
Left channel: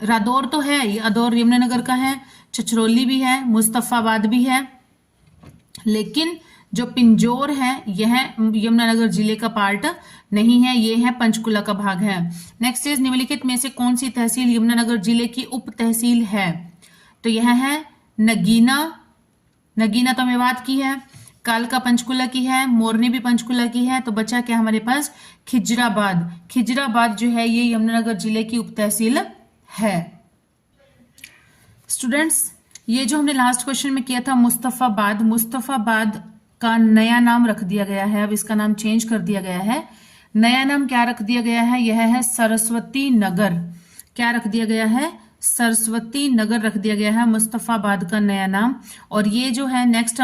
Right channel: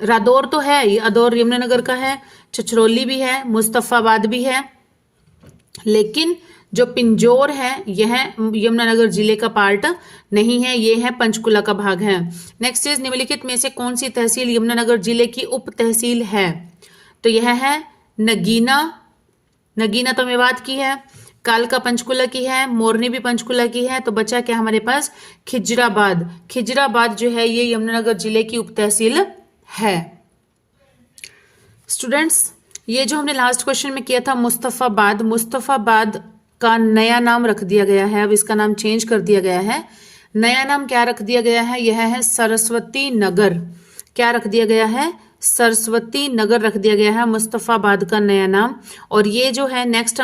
रादौर तो है, अदौर यमुनानगर का है। छछरौली भी है, मुस्तफाबाद भी है, लेकिन जो पिंजौर है यह यमुनानगर जिले का पार्ट नहीं है, ये है पंचकुला का भाग है। नेक्स्ट इज निम्नलिखित में से कौन सी तहसील यमुनानगर जिले की उप तहसील है? तो यह है नगीना। नगीना तो मेवात की है, कालका पंचकुला की है, मोरनी भी पंचकुला की है। तो बचा क्या हमारे पास? खिजराबाद। खिजराबाद जो है ये यमुनानगर जिले की उप तहसील है। स्टूडेंट्स, ये जो हमने लास्ट क्वेश्चन में किया था मुस्तफाबाद, मुस्तफाबाद का नया नाम रख दिया गया है। अब इसका नाम चेंज कर दिया गया है। नया नाम क्या रख दिया गया है? यह है सरस्वती नगर। क्या रख दिया गया है? सरस्वती नगर रख दिया गया है मुस्तफाबाद का नया नाम। और ये जो है नेक्स्ट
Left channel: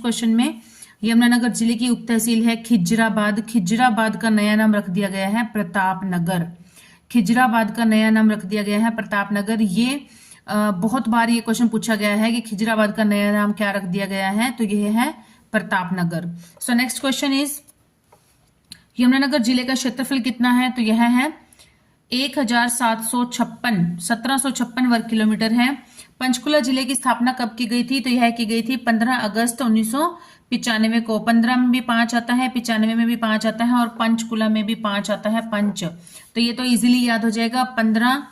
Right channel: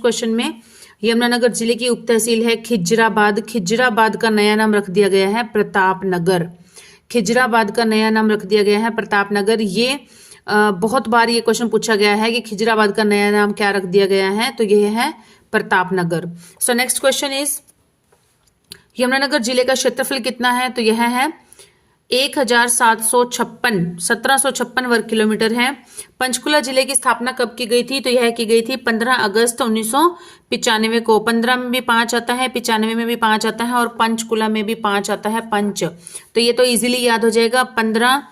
क्वेश्चन में यमुनानगर जिले की उप तहसील है खिजराबाद। खिजराबाद का नया नाम रख दिया गया है प्रतापनगर। खिजराबाद का नया नाम रख दिया गया है प्रतापनगर। ये बहुत बार ये क्वेश्चन पूछा गया है कि खिजराबाद का नया नाम क्या रख दिया गया है? तो ये है Pratapnagar. So next question is Yamunanagar जिले का क्षेत्रफल कितना है? तो यह है 1756 वर्ग किलोमीटर है। पंचकुला जिले की स्थापना कब की गई थी? तो यह की गई थी 15 अगस्त 1995 को। 15 में भी 5 आता है, 95 में भी 5 आता है और पंचकुला में भी 5 आता है, पंच। तो ये तो इजीली याद हो जाएगा। 15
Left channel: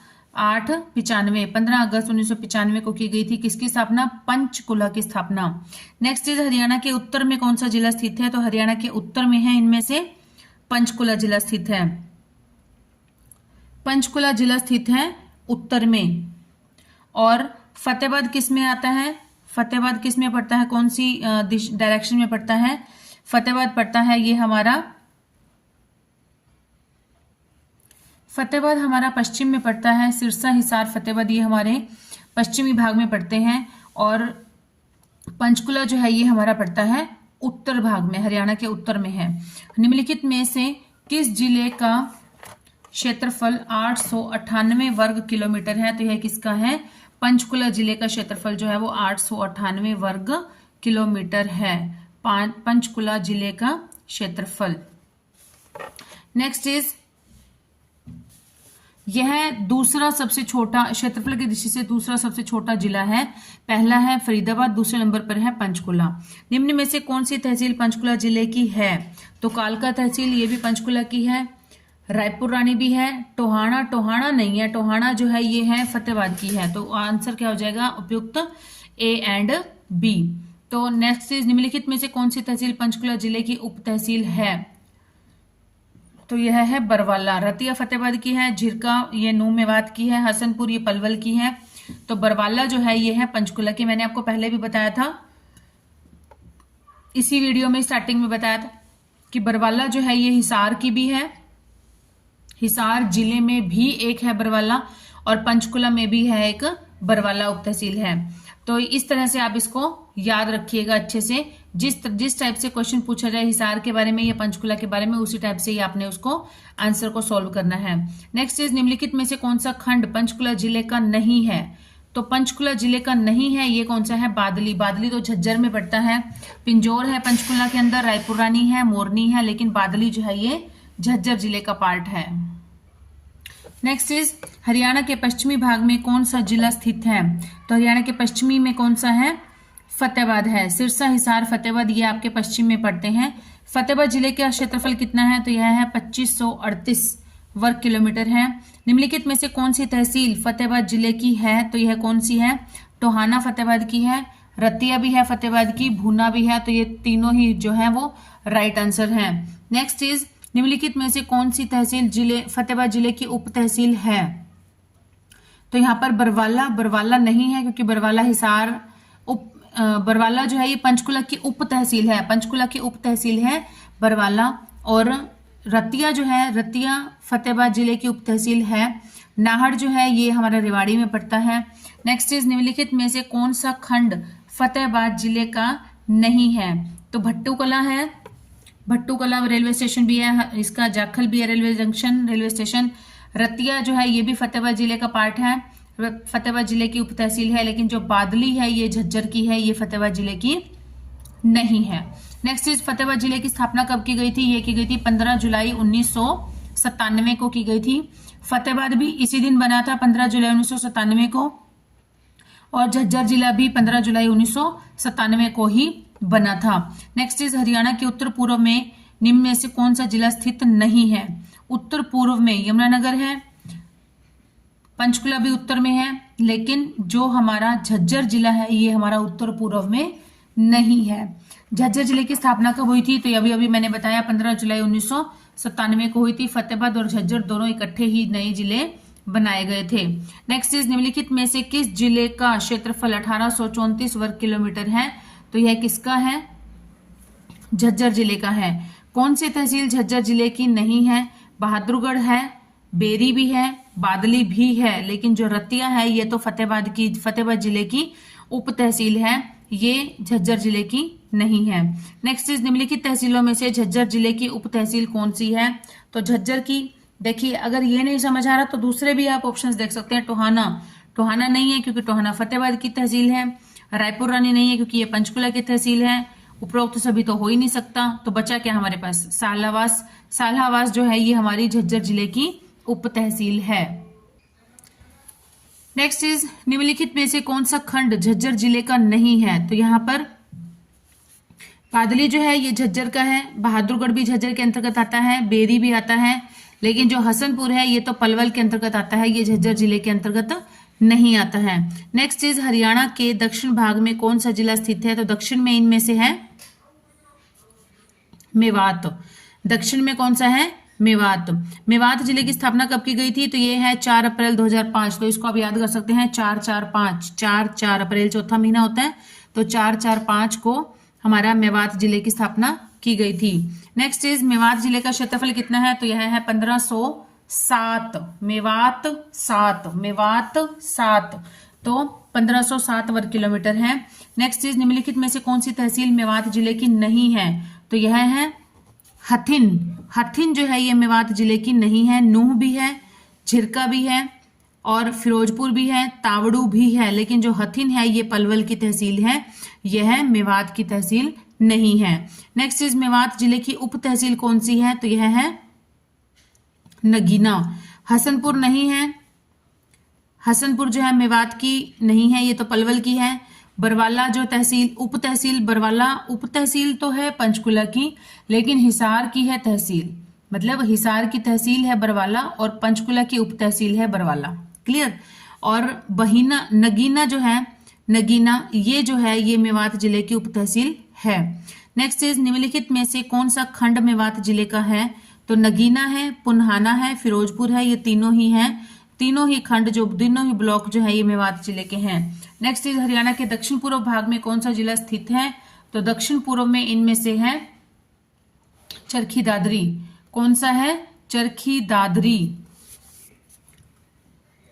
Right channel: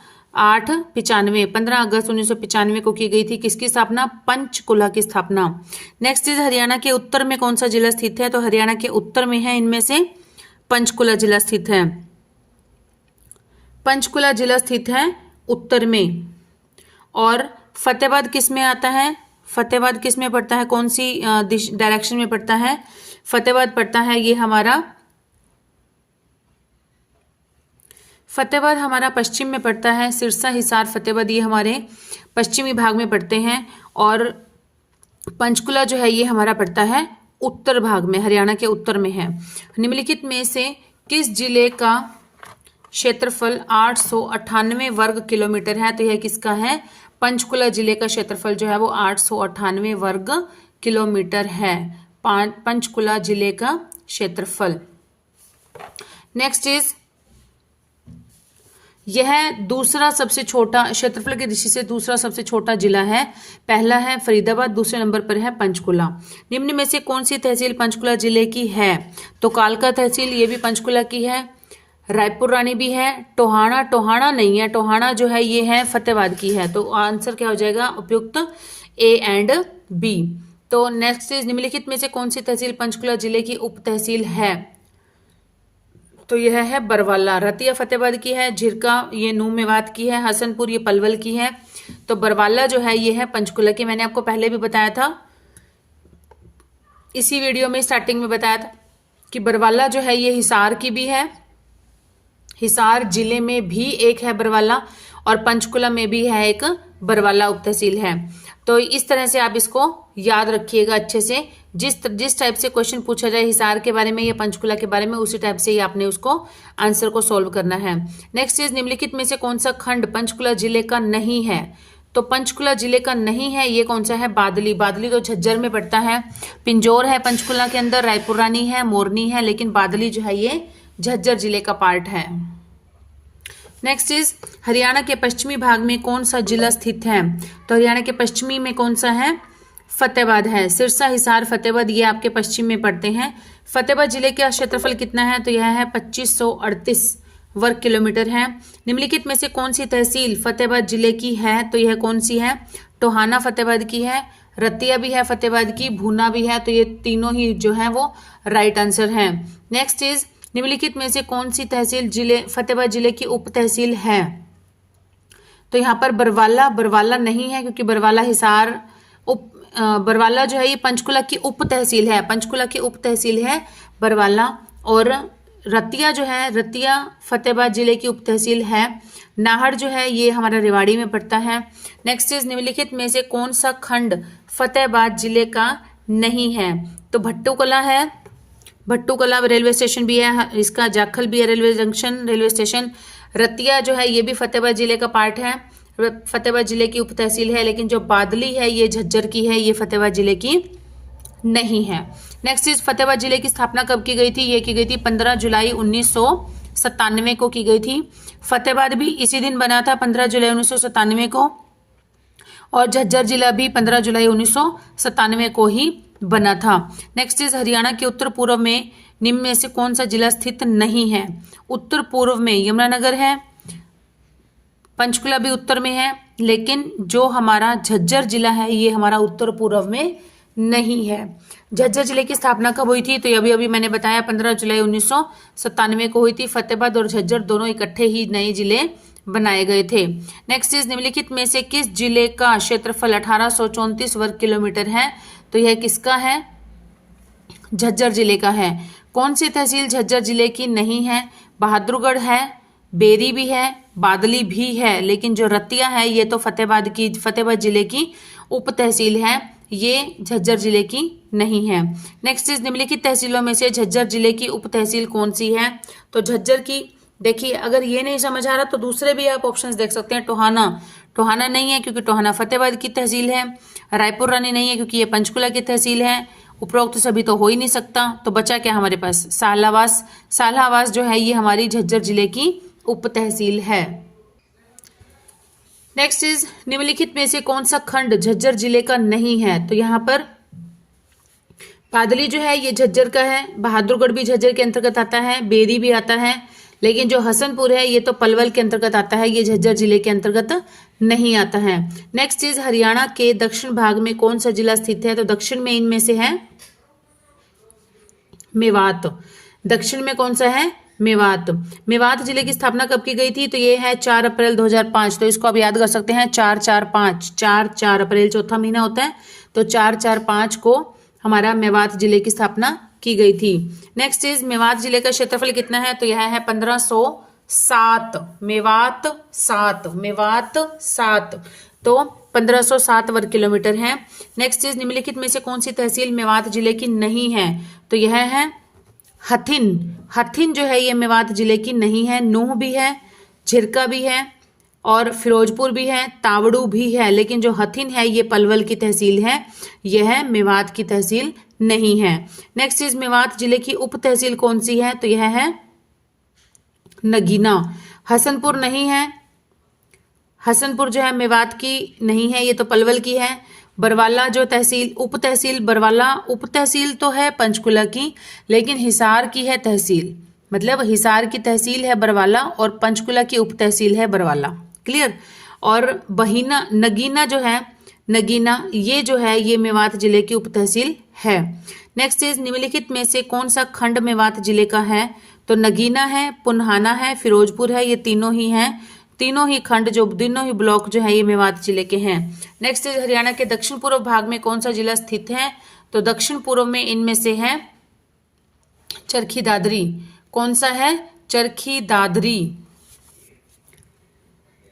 अगस्त 1995 को की गई थी किसकी स्थापना? पंचकुला की स्थापना। नेक्स्ट इज हरियाणा के उत्तर में कौन सा जिला स्थित है? तो हरियाणा के उत्तर में है इनमें से पंचकुला जिला स्थित है। पंचकुला जिला स्थित है उत्तर में। और फतेहाबाद किस में आता है? फतेहाबाद किस में पड़ता है? कौन सी डायरेक्शन में पड़ता है? फतेहाबाद पड़ता है ये हमारा, फतेहाबाद हमारा पश्चिम में पड़ता है। सिरसा, हिसार, फतेहाबाद ये हमारे पश्चिमी भाग में पड़ते हैं। और पंचकुला जो है ये हमारा पड़ता है उत्तर भाग में, हरियाणा के उत्तर में है। निम्नलिखित में से किस जिले का क्षेत्रफल 898 वर्ग किलोमीटर है। तो यह किसका है? पंचकुला जिले का क्षेत्रफल जो है वो 898 वर्ग किलोमीटर है, पंचकुला जिले का क्षेत्रफल। नेक्स्ट इज, यह दूसरा सबसे छोटा, क्षेत्रफल की दृष्टि से दूसरा सबसे छोटा जिला है। पहला है फरीदाबाद, दूसरे नंबर पर है पंचकुला। निम्न में से कौन सी तहसील पंचकुला जिले की है? तो कालका तहसील, ये भी पंचकुला की है। रायपुर रानी भी है। टोहाना नहीं है, टोहाना जो है ये है फतेहाबाद की है। तो आंसर क्या हो जाएगा? उपयुक्त ए एंड बी। तो नेक्स्ट इज, निम्नलिखित में से कौन सी तहसील पंचकुला जिले की उप तहसील है? तो यह है बरवाला। रतिया फतेहाबाद की है, झिरका ये नूह मेवात की है, हसनपुर ये पलवल की है। तो बरवाला जो है ये है पंचकुला की। मैंने आपको पहले भी बताया था, इसी वीडियो में स्टार्टिंग में बताया था कि बरवाला जो है ये हिसार की भी है, हिसार जिले में भी एक है बरवाला, और पंचकुला में भी है एक बरवाला उप तहसील है। तो इस तरह से आप इसको याद रखिएगा अच्छे से। जिस टाइप से क्वेश्चन पूछा जाए हिसार के बारे में या पंचकुला के बारे में, उसी टाइप से ही आपने उसको आंसर को सॉल्व करना है। नेक्स्ट इज, निम्नलिखित में से कौन सा खंड पंचकुला जिले का नहीं है? तो पंचकुला जिले का नहीं है ये कौन सा है? बादली। बादली तो झज्जर में पड़ता है। पिंजौर है पंचकुला के अंदर, रायपुर रानी है, मोरनी है, लेकिन बादली जो है ये झज्जर जिले का पार्ट है। नेक्स्ट इज, हरियाणा के पश्चिमी भाग में कौन सा जिला स्थित है? तो हरियाणा के पश्चिमी में कौन सा है? फतेहाबाद है। सिरसा, हिसार, फतेहाबाद ये आपके पश्चिम में पड़ते हैं। फतेहाबाद जिले का क्षेत्रफल कितना है? तो यह है 2538 वर्ग किलोमीटर है। निम्नलिखित में से कौन सी तहसील फतेहाबाद जिले की है? तो यह कौन सी है? टोहाना फतेहाबाद की है, रतिया भी है फतेहाबाद की, भूना भी है। तो ये तीनों ही जो है वो राइट आंसर है। नेक्स्ट इज, निम्नलिखित में से कौन सी तहसील जिले फतेहाबाद जिले की उप तहसील है? तो यहाँ पर बरवाला नहीं है, क्योंकि बरवाला हिसार बरवाला जो है ये पंचकुला की उप तहसील है, पंचकुला की उप तहसील है बरवाला। और रतिया जो है, रतिया फतेहाबाद जिले की उप तहसील है। नाहर जो है ये हमारा रेवाड़ी में पड़ता है। नेक्स्ट इज, निम्नलिखित में से कौन सा खंड फतेहाबाद जिले का नहीं है? तो भट्टूकला है, भट्टूकला रेलवे स्टेशन भी है, इसका जाखल भी है railway junction railway station. Ratia जो है ये भी फतेहाबाद जिले का पार्ट है, फतेहाबाद जिले की उप तहसील है। लेकिन जो बादली है ये झज्जर की है, ये फतेहाबाद जिले की नहीं है। नेक्स्ट इज, फतेहाबाद जिले की स्थापना कब की गई थी? ये की गई थी 15 जुलाई 1997 को की गई थी। फतेहाबाद भी इसी दिन बना था, 15 जुलाई 1997 को, और झज्जर जिला भी 15 जुलाई 1997 को ही बना था। नेक्स्ट इज, हरियाणा के उत्तर पूर्व में निम्न में से कौन सा जिला स्थित नहीं है? उत्तर पूर्व में यमुनानगर है, पंचकुला भी उत्तर में है, लेकिन जो हमारा झज्जर जिला है ये हमारा उत्तर पूर्व में नहीं है। झज्जर जिले की स्थापना कब हुई थी? तो अभी अभी मैंने बताया 15 जुलाई 1997 को हुई थी। फतेहाबाद और झज्जर दोनों इकट्ठे ही नए जिले बनाए गए थे। नेक्स्ट इज, निम्नलिखित में से किस जिले का क्षेत्रफल 1834 वर्ग किलोमीटर है? तो यह किसका है? झज्जर जिले का है। कौन सी तहसील झज्जर जिले की नहीं है? बहादुरगढ़ है, बेरी भी है, बादली भी है, लेकिन जो रतिया है ये तो फतेहाबाद जिले की उप तहसील है, ये झज्जर जिले की नहीं है। नेक्स्ट इज, निम्नलिखित तहसीलों में से झज्जर जिले की उप तहसील कौन सी है? तो झज्जर की, देखिए अगर ये नहीं समझ आ रहा तो दूसरे भी आप ऑप्शंस देख सकते हैं। टोहाना नहीं है क्योंकि टोहाना फतेहाबाद की तहसील है। रायपुर रानी नहीं है क्योंकि ये पंचकुला की तहसील है। उपरोक्त सभी तो हो ही नहीं सकता, तो बचा क्या हमारे पास? सालावास जो है ये हमारी झज्जर जिले की उप तहसील है। नेक्स्ट इज, निम्नलिखित में से कौन सा खंड झज्जर जिले का नहीं है? तो यहाँ पर बादली जो है ये झज्जर का है, बहादुरगढ़ भी झज्जर के अंतर्गत आता है, बेरी भी आता है, लेकिन जो हसनपुर है ये तो पलवल के अंतर्गत आता है, ये झज्जर जिले के अंतर्गत नहीं आता है। नेक्स्ट इज, हरियाणा के दक्षिण भाग में कौन सा जिला स्थित है? तो दक्षिण में इनमें से है मेवात। दक्षिण में कौन सा है? मेवात। मेवात जिले की स्थापना कब की गई थी? तो ये है 4 अप्रैल 2005। तो इसको आप याद कर सकते हैं 4 अप्रैल चौथा महीना होता है, तो 4/4/5 को हमारा मेवात जिले की स्थापना की गई थी। नेक्स्ट इज, मेवात जिले का क्षेत्रफल कितना है? तो यह है 1507। मेवात 7 तो 1507 वर्ग किलोमीटर है। नेक्स्ट इज, निम्नलिखित में से कौन सी तहसील मेवात जिले की नहीं है? तो यह है हथिन। हथिन जो है ये मेवात जिले की नहीं है, नूह भी है, झिरका भी है और फिरोजपुर भी है, तावड़ू भी है, लेकिन जो हथिन है ये पलवल की तहसील है, यह मेवात की तहसील नहीं है। नेक्स्ट इज मेवात जिले की उप तहसील कौन सी है, तो यह है नगीना। हसनपुर नहीं है, हसनपुर जो है मेवात की नहीं है, ये तो पलवल की है। बरवाला जो तहसील उप तहसील, बरवाला उप तहसील तो है पंचकुला की, लेकिन हिसार की है तहसील, मतलब हिसार की तहसील है बरवाला और पंचकुला की उप तहसील है बरवाला। क्लियर। और बहीना नगीना जो है, नगीना ये जो है ये मेवात जिले की उप तहसील है। नेक्स्ट इज निम्नलिखित में से कौन सा खंड मेवात जिले का है, तो नगीना है, पुन्हाना है, फिरोजपुर है, ये तीनों ही हैं, तीनों ही खंड जो तीनों ही ब्लॉक जो है ये मेवात जिले के हैं। नेक्स्ट इज हरियाणा के दक्षिण पूर्व भाग में कौन सा जिला स्थित है, तो दक्षिण पूर्व में इनमें से है चरखी दादरी। कौन सा है, चरखी दादरी।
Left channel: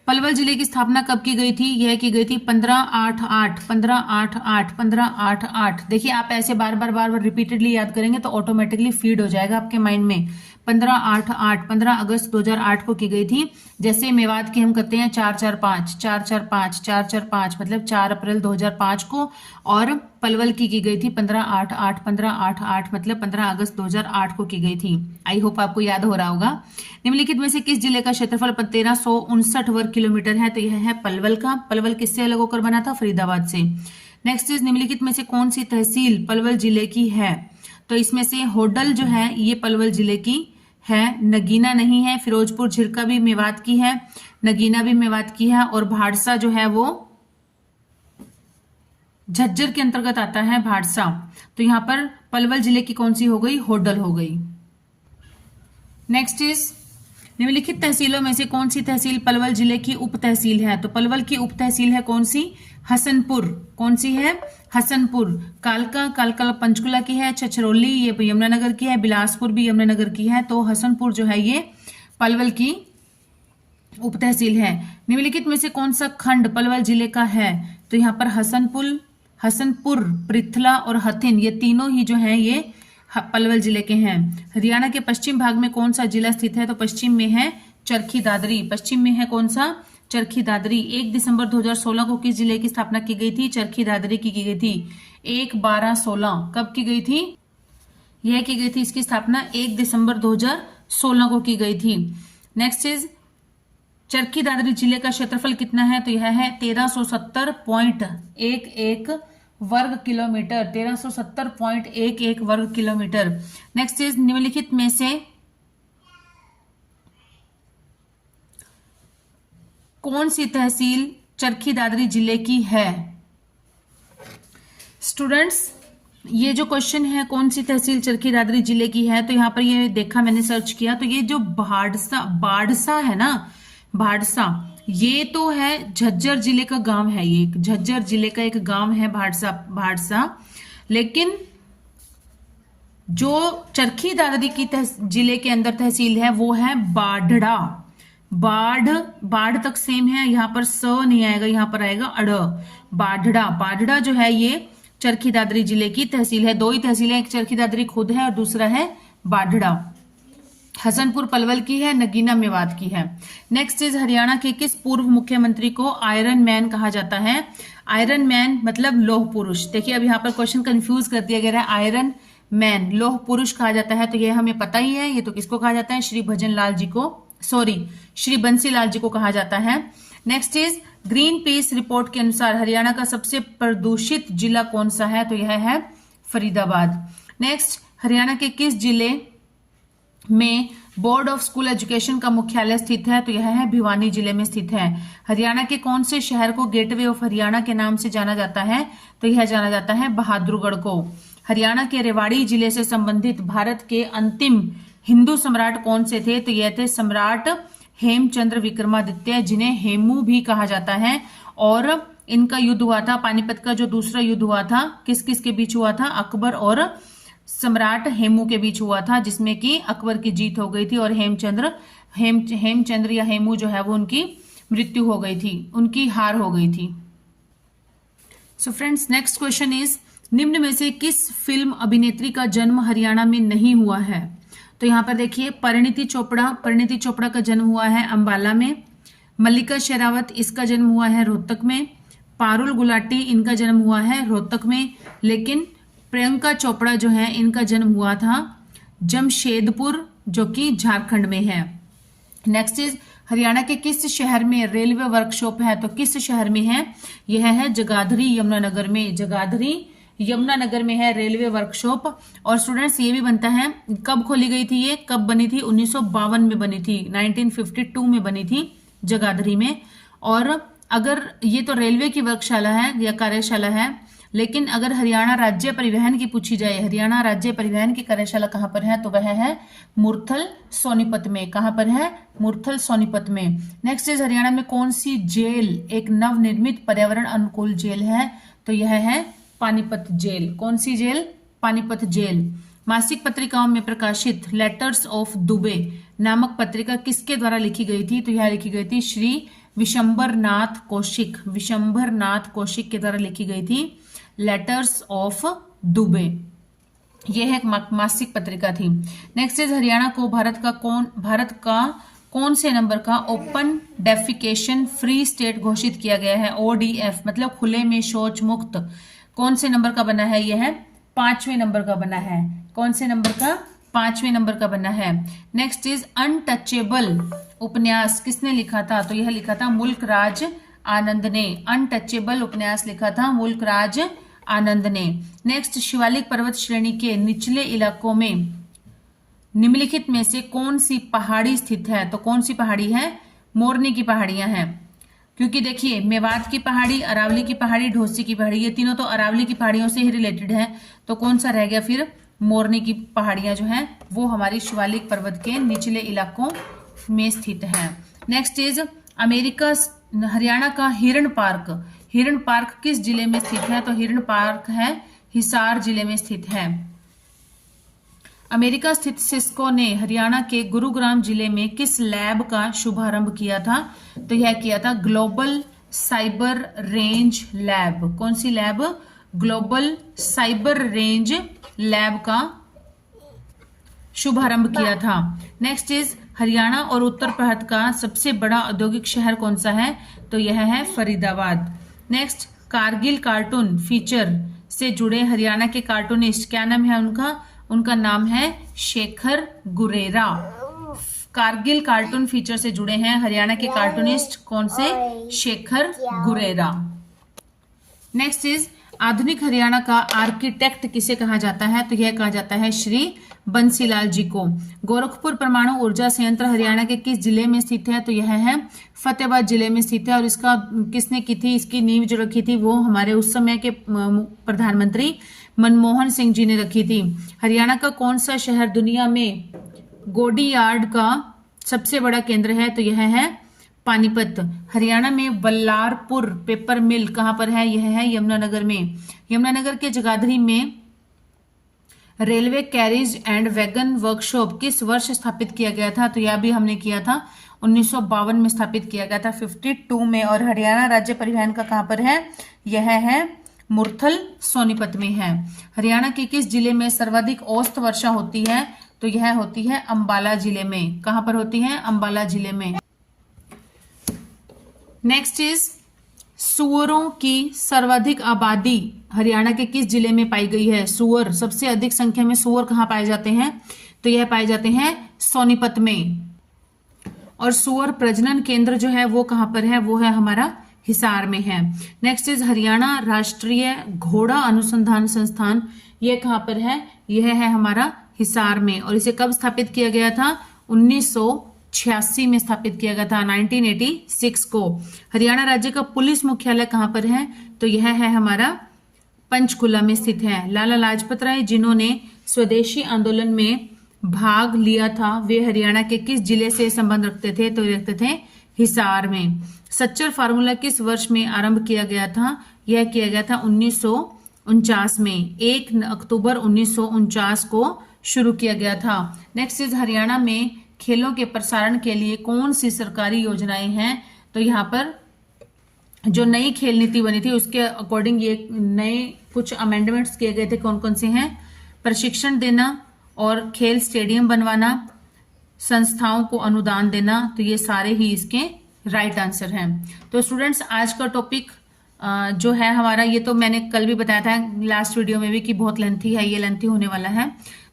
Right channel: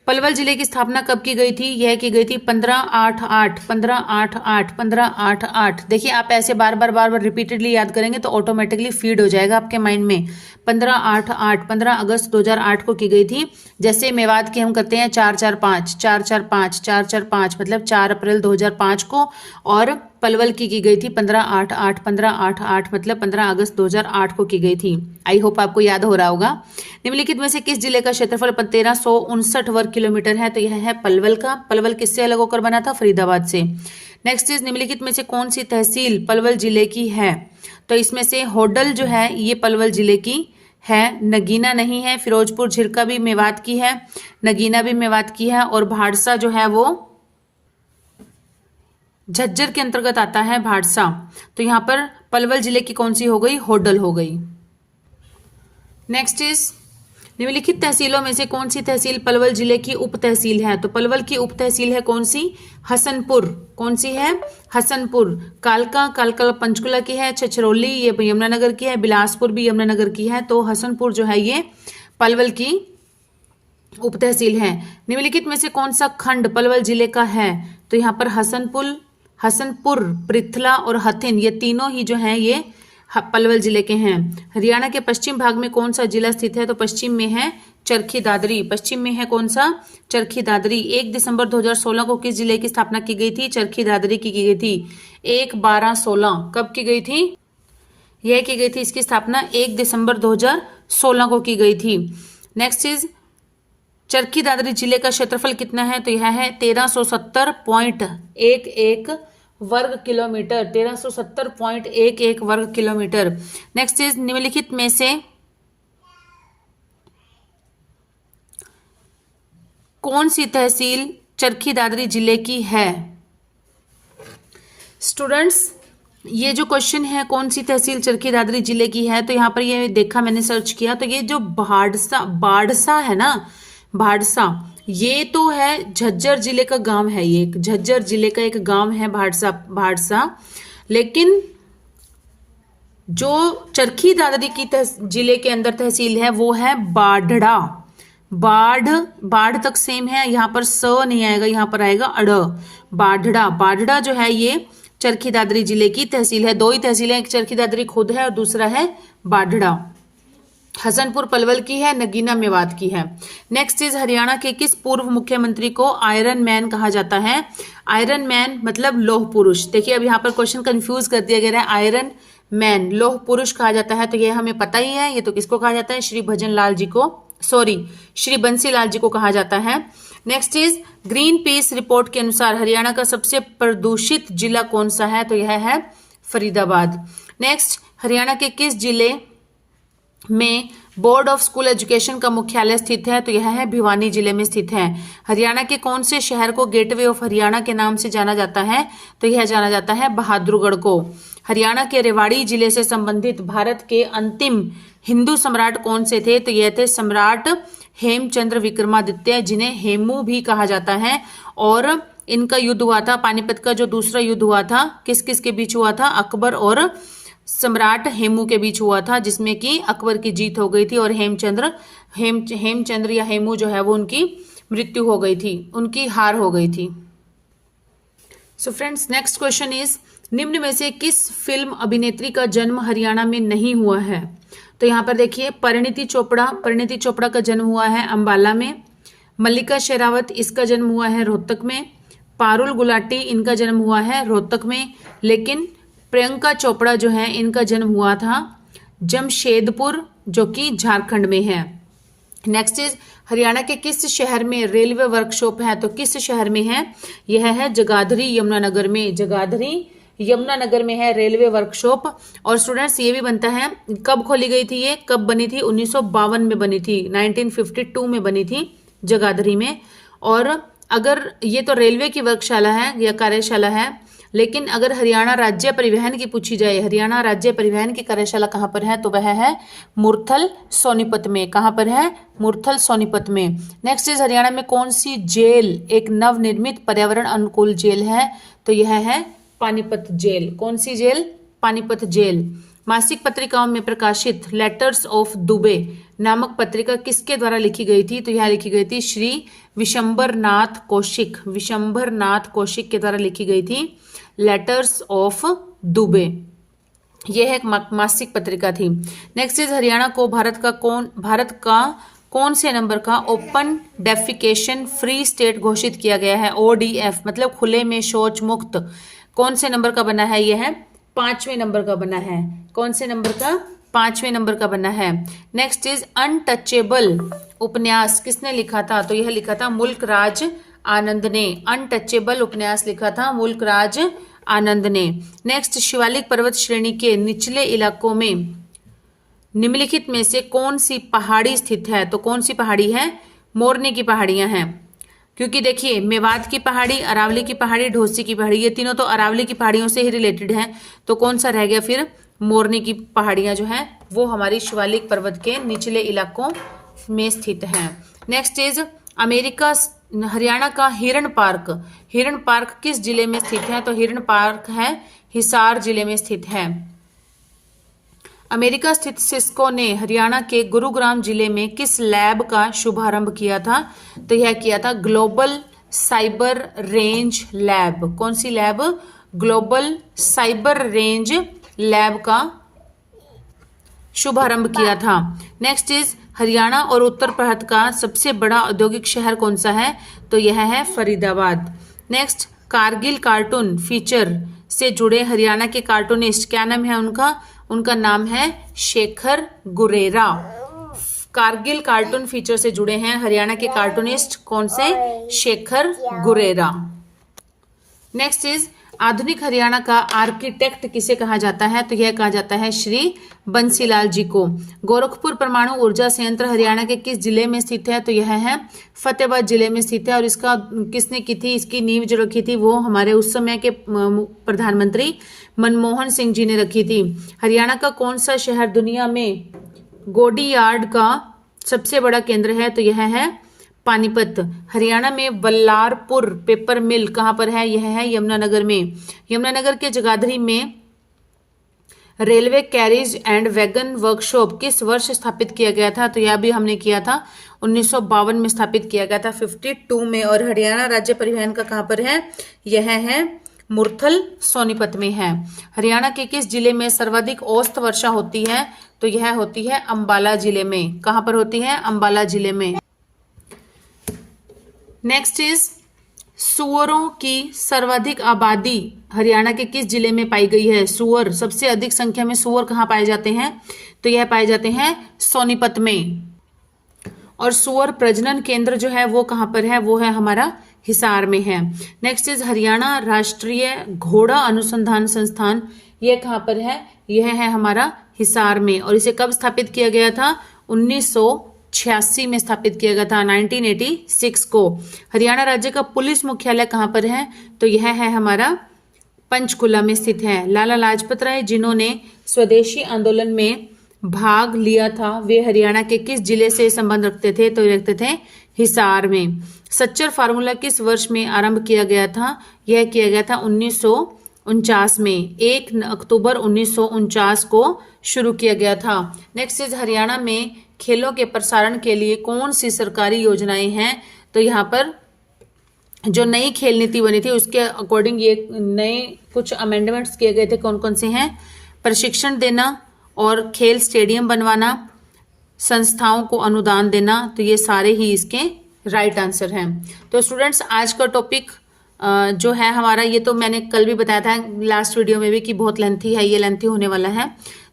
पलवल जिले की स्थापना कब की गई थी, यह की गई थी 1588 1588 1588। देखिए आप ऐसे बार बार रिपीटेडली याद करेंगे तो ऑटोमेटिकली फीड हो जाएगा आपके माइंड में। 1588 15 अगस्त 2008 को की गई थी। जैसे मेवात की हम करते हैं 445 445 445 मतलब 4 अप्रैल 2005 को, और पलवल की गई थी 1588 1588 मतलब 15 अगस्त 2008 को की गई थी। आई होप आपको याद हो रहा होगा। निम्नलिखित में से किस जिले का क्षेत्रफल 1359 वर्ग किलोमीटर है, तो यह है पलवल का। पलवल किससे अलग होकर बना था, फरीदाबाद से। नेक्स्ट इज निम्नलिखित में से कौन सी तहसील पलवल जिले की है, तो इसमें से होडल जो है ये पलवल जिले की है, नगीना नहीं है। फिरोजपुर झिरका भी मेवात की है, नगीना भी मेवात की है, और भाड़सा जो है वो झज्जर के अंतर्गत आता है, भाड़सा। तो यहां पर पलवल जिले की कौन सी हो गई, होडल हो गई। नेक्स्ट इज निम्नलिखित तहसीलों में से कौन सी तहसील पलवल जिले की उप तहसील है, तो पलवल की उप तहसील है कौन सी, हसनपुर। कौन सी है, हसनपुर। कालका, कालका पंचकुला की है, छछरौली ये यमुनानगर की है, बिलासपुर भी यमुनानगर की है, तो हसनपुर जो है ये पलवल की उप तहसील है। निम्नलिखित में से कौन सा खंड पलवल जिले का है, तो यहाँ पर हसनपुर, पृथला और हथिन ये तीनों ही जो हैं ये पलवल जिले के हैं। हरियाणा के पश्चिम भाग में कौन सा जिला स्थित है, तो पश्चिम में है चरखी दादरी। पश्चिम में है कौन सा, चरखी दादरी। 1 दिसंबर 2016 को किस जिले की स्थापना की गई थी, चरखी दादरी की गई थी। 1/12/16 कब की गई थी, यह की गई थी इसकी स्थापना 1 दिसंबर 2016 को की गई थी। नेक्स्ट इज चरखी दादरी जिले का क्षेत्रफल कितना है, तो यह है 1370.11 वर्ग किलोमीटर, 1370.11 वर्ग किलोमीटर। नेक्स्ट इज निम्नलिखित में से कौन सी तहसील चरखी दादरी जिले की है। स्टूडेंट्स ये जो क्वेश्चन है कौन सी तहसील चरखी दादरी जिले की है, तो यहाँ पर ये देखा मैंने सर्च किया तो ये जो बाड़सा है ना, भाड़सा ये तो है झज्जर जिले का गांव है, ये झज्जर जिले का एक गांव है भाड़सा। लेकिन जो चरखी दादरी की जिले के अंदर तहसील है वो है बाढ़ड़ा। बाढ़ तक सेम है, यहाँ पर स नहीं आएगा, यहाँ पर आएगा अड़। बाढ़ड़ा जो है ये चरखी दादरी जिले की तहसील है। 2 ही तहसीलें, एक चरखी दादरी खुद है और दूसरा है बाढ़ड़ा। हसनपुर पलवल की है, नगीना मेवात की है। नेक्स्ट इज हरियाणा के किस पूर्व मुख्यमंत्री को आयरन मैन कहा जाता है। आयरन मैन मतलब लौह पुरुष। देखिए अब यहाँ पर क्वेश्चन कंफ्यूज कर दिया गया है, आयरन मैन लौह पुरुष कहा जाता है, तो ये हमें पता ही है। ये तो किसको कहा जाता है, श्री बंसी लाल जी को कहा जाता है। Next is green peas report के अनुसार हरियाणा का सबसे प्रदूषित जिला कौन सा है, तो यह है फरीदाबाद। नेक्स्ट हरियाणा के किस जिले में बोर्ड ऑफ स्कूल एजुकेशन का मुख्यालय स्थित है, तो यह है भिवानी जिले में स्थित है। हरियाणा के कौन से शहर को गेटवे ऑफ हरियाणा के नाम से जाना जाता है, तो यह जाना जाता है बहादुरगढ़ को। हरियाणा के रेवाड़ी जिले से संबंधित भारत के अंतिम हिंदू सम्राट कौन से थे, तो यह थे सम्राट हेमचंद्र विक्रमादित्य, जिन्हें हेमू भी कहा जाता है। और इनका युद्ध हुआ था, पानीपत का जो दूसरा युद्ध हुआ था किस किस के बीच हुआ था, अकबर और सम्राट हेमू के बीच हुआ था, जिसमें कि अकबर की जीत हो गई थी और हेमचंद्र या हेमू जो है वो उनकी मृत्यु हो गई थी, उनकी हार हो गई थी। So friends next question is निम्न में से किस फिल्म अभिनेत्री का जन्म हरियाणा में नहीं हुआ है, तो यहाँ पर देखिए परिणीति चोपड़ा का जन्म हुआ है अंबाला में। मल्लिका शेरावत, इसका जन्म हुआ है रोहतक में। पारुल गुलाटी, इनका जन्म हुआ है रोहतक में। लेकिन प्रियंका चोपड़ा जो है इनका जन्म हुआ था जमशेदपुर, जो कि झारखंड में है। नेक्स्ट इज हरियाणा के किस शहर में रेलवे वर्कशॉप है? तो किस शहर में है? यह है जगाधरी यमुनानगर में। जगाधरी यमुनानगर में है रेलवे वर्कशॉप। और स्टूडेंट्स ये भी बनता है, कब खोली गई थी ये, कब बनी थी? 1952 में बनी थी, 1952 में बनी थी जगाधरी में। और अगर ये तो रेलवे की वर्कशाला है या कार्यशाला है, लेकिन अगर हरियाणा राज्य परिवहन की पूछी जाए, हरियाणा राज्य परिवहन की कार्यशाला कहाँ पर है? तो वह है मुरथल सोनीपत में। कहाँ पर है? मुरथल सोनीपत में। नेक्स्ट इज हरियाणा में कौन सी जेल एक नवनिर्मित पर्यावरण अनुकूल जेल है? तो यह है पानीपत जेल। कौन सी जेल? पानीपत जेल। मासिक पत्रिकाओं में प्रकाशित लेटर्स ऑफ दुबे नामक पत्रिका किसके द्वारा लिखी गई थी? तो यह लिखी गई थी श्री विशंबर नाथ कौशिक। विशंबर नाथ कौशिक के द्वारा लिखी गई थी लेटर्स ऑफ दुबे। यह एक मासिक पत्रिका थी। नेक्स्ट इज हरियाणा को भारत का कौन से नंबर का ओपन डेफिकेशन फ्री स्टेट घोषित किया गया है? ODF मतलब खुले में शौच मुक्त। कौन से नंबर का बना है? यह है 5वें नंबर का बना है। कौन से नंबर का? 5वें नंबर का बना है। नेक्स्ट इज अनटचेबल उपन्यास किसने लिखा था? तो यह लिखा था मुल्क राज आनंद ने। अनटचेबल उपन्यास लिखा था मुल्क राज आनंद ने। नेक्स्ट, शिवालिक पर्वत श्रेणी के निचले इलाकों में निम्नलिखित में से कौन सी पहाड़ी स्थित है? तो कौन सी पहाड़ी है? मोरनी की पहाड़ियां हैं। क्योंकि देखिए मेवात की पहाड़ी, अरावली की पहाड़ी, ढोसी की पहाड़ी, ये तीनों तो अरावली की पहाड़ियों से ही रिलेटेड हैं। तो कौन सा रह गया फिर? मोरनी की पहाड़ियां जो हैं वो हमारी शिवालिक पर्वत के निचले इलाकों में स्थित है। नेक्स्ट इज हरियाणा का हिरण पार्क किस जिले में स्थित है? तो हिरण पार्क है हिसार जिले में स्थित है। अमेरिका स्थित सिस्को ने हरियाणा के गुरुग्राम जिले में किस लैब का शुभारंभ किया था? तो यह किया था ग्लोबल साइबर रेंज लैब। कौन सी lab? Global cyber range lab का शुभारंभ किया था। नेक्स्ट इज हरियाणा और उत्तर भारत का सबसे बड़ा औद्योगिक शहर कौन सा है? तो यह है Faridabad. Next, Kargil cartoon feature से जुड़े हरियाणा के कार्टूनिस्ट, क्या नाम है उनका? उनका नाम है शेखर गुरेरा। कारगिल कार्टून फीचर से जुड़े हैं हरियाणा के कार्टूनिस्ट कौन से? शेखर गुरेरा। नेक्स्ट इज आधुनिक हरियाणा का आर्किटेक्ट किसे कहा जाता है? तो यह कहा जाता है श्री बंसीलाल जी को। गोरखपुर परमाणु ऊर्जा संयंत्र हरियाणा के किस जिले में स्थित है? तो यह है फतेहाबाद जिले में स्थित है। और इसका किसने की थी? इसकी नींव जो रखी थी वो हमारे उस समय के प्रधानमंत्री मनमोहन सिंह जी ने रखी थी। हरियाणा का कौन सा शहर दुनिया में गोडी यार्ड का सबसे बड़ा केंद्र है? तो यह है पानीपत। हरियाणा में बल्लारपुर पेपर मिल कहाँ पर है? यह है यमुनानगर में। यमुनानगर के जगाधरी में railway carriage and wagon workshop किस वर्ष स्थापित किया गया था? तो यह भी हमने किया था 1952 में स्थापित किया गया था, 52 में। और हरियाणा राज्य परिवहन का कहाँ पर है? यह है मुरथल सोनीपत में है। हरियाणा के किस जिले में सर्वाधिक औसत वर्षा होती है? तो यह होती है अंबाला जिले में। कहाँ पर होती है? अंबाला जिले में। नेक्स्ट इज सुअरों की सर्वाधिक आबादी हरियाणा के किस जिले में पाई गई है? सुअर, सबसे अधिक संख्या में सुअर कहाँ पाए जाते हैं? तो यह पाए जाते हैं सोनीपत में। और सुअर प्रजनन केंद्र जो है वो कहाँ पर है? वो है हमारा हिसार में है। नेक्स्ट इज हरियाणा राष्ट्रीय घोड़ा अनुसंधान संस्थान, यह कहाँ पर है? यह है हमारा हिसार में। और इसे कब स्थापित किया गया था? 1986 में स्थापित किया गया था, 1986 को। हरियाणा राज्य का पुलिस मुख्यालय कहाँ पर है? तो यह है हमारा पंचकुला में स्थित है। लाला लाजपत राय जिन्होंने स्वदेशी आंदोलन में भाग लिया था वे हरियाणा के किस जिले से संबंध रखते थे? तो रखते थे हिसार में। सच्चर फार्मूला किस वर्ष में आरंभ किया गया था? यह किया गया था 1949 में। 1 अक्टूबर 1949 को शुरू किया गया था। नेक्स्ट इज हरियाणा में खेलों के प्रसारण के लिए कौन सी सरकारी योजनाएं हैं? तो यहाँ पर जो नई खेल नीति बनी थी उसके अकॉर्डिंग ये नए कुछ अमेंडमेंट्स किए गए थे। कौन कौन से हैं? प्रशिक्षण देना, और खेल स्टेडियम बनवाना, संस्थाओं को अनुदान देना, तो ये सारे ही इसके राइट आंसर हैं। तो स्टूडेंट्स आज का टॉपिक जो है हमारा, ये तो मैंने कल भी बताया था लास्ट वीडियो में भी कि बहुत लेंथी है, ये लेंथी होने वाला है,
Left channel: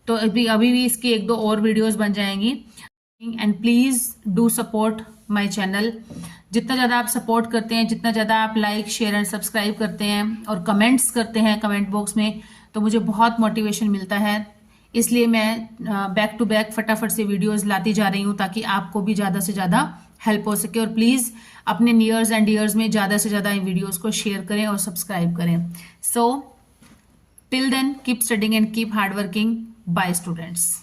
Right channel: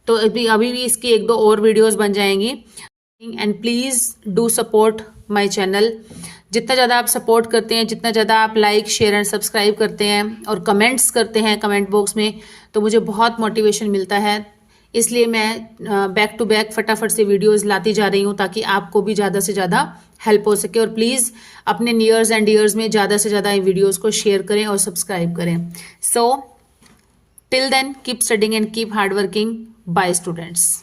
तो अभी भी इसकी एक दो और वीडियोस बन जाएंगी। And please do support my channel. जितना ज़्यादा आप सपोर्ट करते हैं, जितना ज़्यादा आप लाइक शेयर एंड सब्सक्राइब करते हैं और कमेंट्स करते हैं कमेंट बॉक्स में, तो मुझे बहुत मोटिवेशन मिलता है। इसलिए मैं बैक टू बैक फटाफट से वीडियोस लाती जा रही हूँ ताकि आपको भी ज़्यादा से ज़्यादा हेल्प हो सके। और प्लीज़ अपने नियर्स एंड ईयर्स में ज़्यादा से ज़्यादा वीडियोस को शेयर करें और सब्सक्राइब करें। So till then keep studying and keep hard working. Bye students.